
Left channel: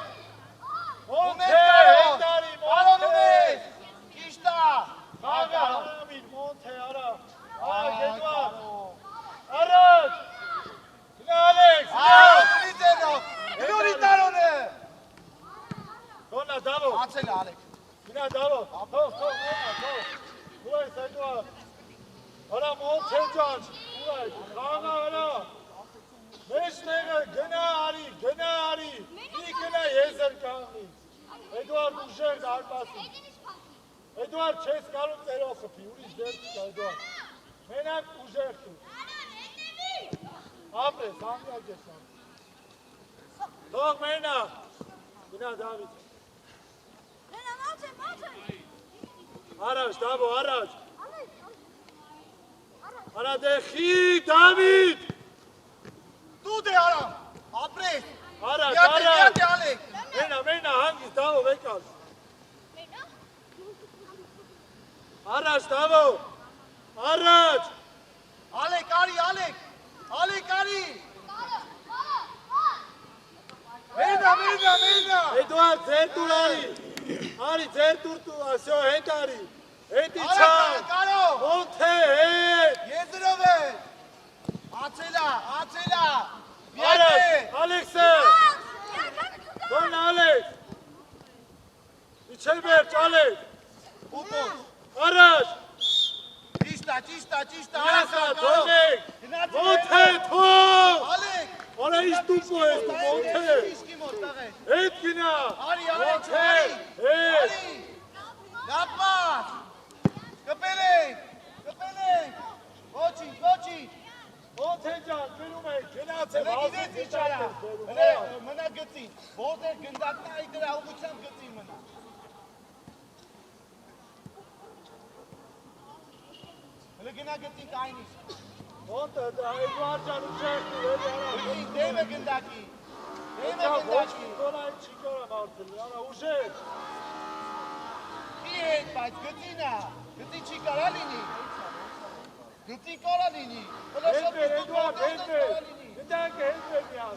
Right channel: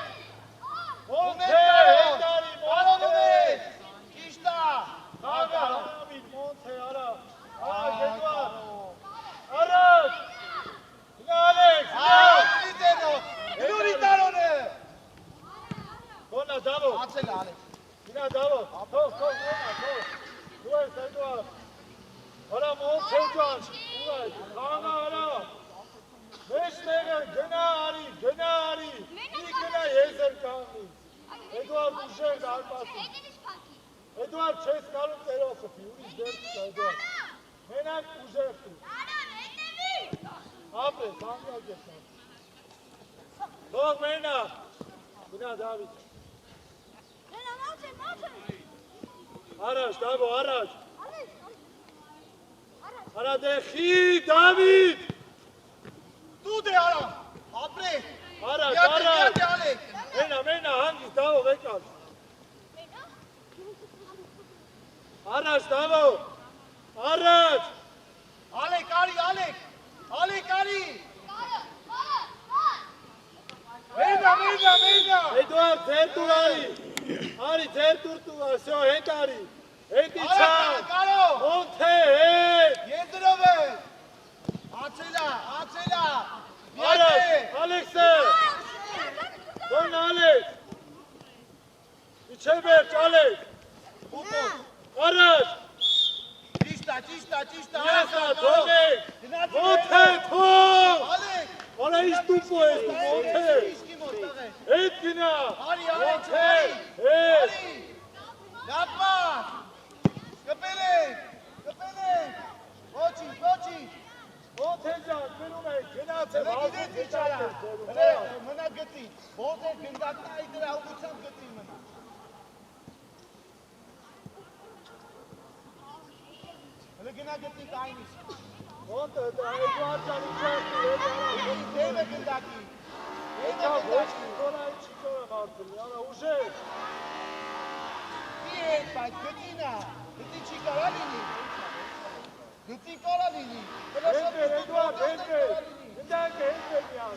Monte. Hedari. Monte. İşta. Aga Hamid Monte ara. Eduard. Araç. Yine Alex. Rizero. Prioritarone. Sonra Davo. Atsene Alex. Yine Davo. Top. Luis Eduard. Ara Monte Can. Luis. Kaan'a ara. Meşnege gena Ari. İyi gena Yezer Kaan'ı. Eduard Ucek Arpas'ın. Eduard Çes Karun Teros'u. Yuri Zerçka Eduard. Menak Ucek'ti. Apre, Sanya geçen. Dog Mena. Yine David. Araç, Davo, araç. Ara Dehi, David. Tu de ara. Apres. Araç. Yate Alex. Mena, hangi Davo bekal. Araç, Davo. Araç. Alex Ari. Mena. Eduard, Tertur Ari. Ari, Tertur tu, asio, Hedari. Edi Çam. Karo. Monte, Yezirove. Atsela. Araç. Alex'e. Sonra Alex. İçeberç, Alex. Araç. Čista. Yasa, Tonek. Monte, Tom. Alex. Ona istupo esto, Monte. Etkina. Monte. Yapma. Köpelek. Koçi. Montecan, Benume, Genate, Öyle gidin dışarı. Mına götür. Boğaz'a gündakta aykırı avuçsan götür mına. Öyle güne götür aynısı. Monte, Eduard'dan uçaktı. Deme gündaki. Kolay çıkaramazsın. Yani Ucek. Bir bak götürne. Götür çıkaralım. Götür kolalım. Eduard, Bir dakika, ya.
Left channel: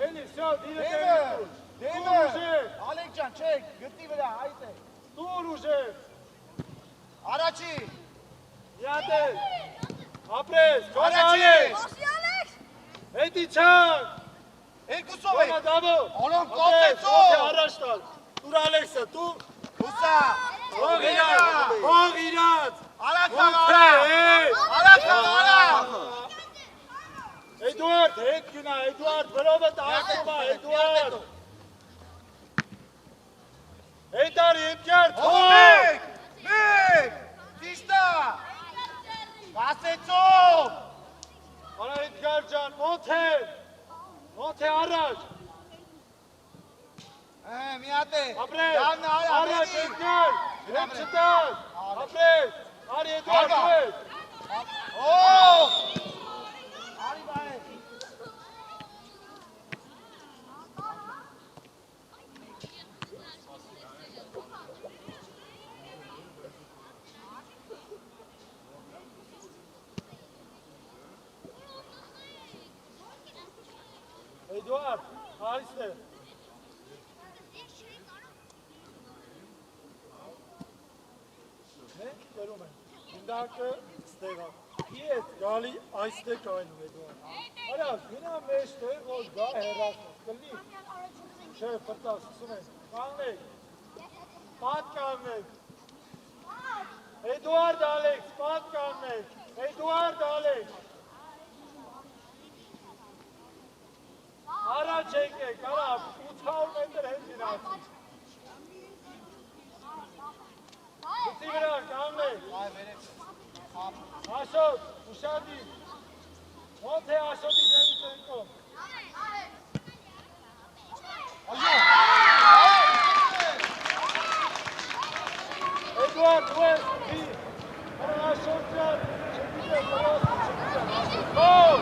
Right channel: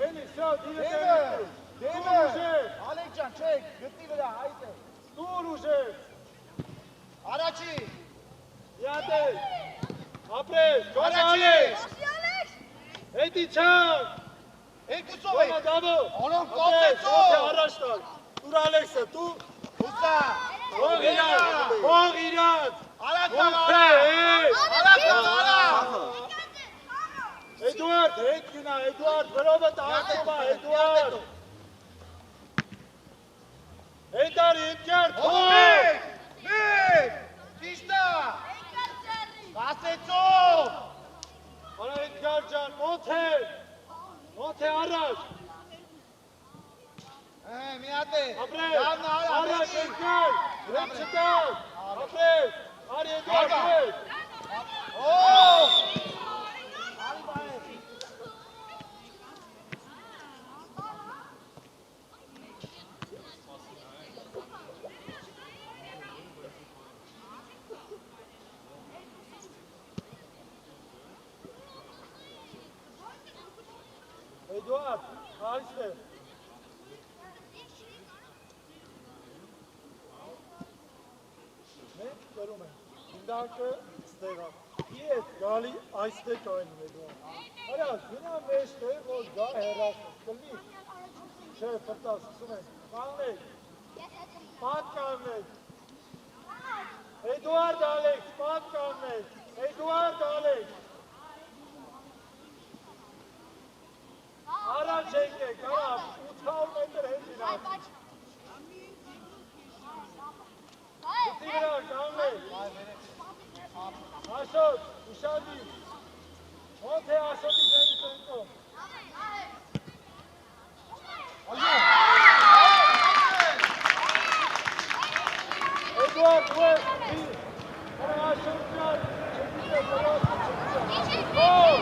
Eli, все, Deme. Alekcan çek. Götür bir daha. Haydi. Dur Ucek. Araçı. Yate. Apres, sonra Araçı. Alex. Edi Çam. El Kusove. Sonra Davo. Oğlum, Apres, konsept o. araçlar. Տուր Ալեքսը, տուր։ Հուսա։ Հող իրաց։ Արած Մոնթե, Արած։ Էդուարդ, հետ գնա, Էդուարդ, վրովը տաղվում է, Էդուարդ։ Հետար, ետյար, թող։ Մեկ, ճիշտա։ Ասեցով։ Արա Էդգար ջան, Մոնթե առաջ։ Մի հատ է։ Ապրես, առաջ Էդգար, հետ չտար, ապրես, արի Էդուարդ, հետ։ Արի բայ։ Էդուարդ, այստեղ։ Մենք կրում ենք, ինդակը ստեղա։ Ես գալի այստեղ կայնում Էդուարդ։ Արա, գնա մեջտեղ, որ գա հեռասում, կլի։ Չէ, պտաս, սում ենք, կանգնեք, պատ կանգնեք։ Էդուարդ Ալեքս, պատ կանգնեք, Էդուարդ Ալեքս։ Առաջ եկեք, արա, 800 մետր հետ գնացի։ Գծի վրա, կանգնեք։ Աշոտ, ուշադի։ Մոնթե Աշոտի ձենի տնկոն։ Էդուարդ, ուես, արա Աշոտ ջան, հետիթե վրոց, հով։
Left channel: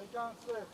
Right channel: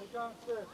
Եկան ստեղ,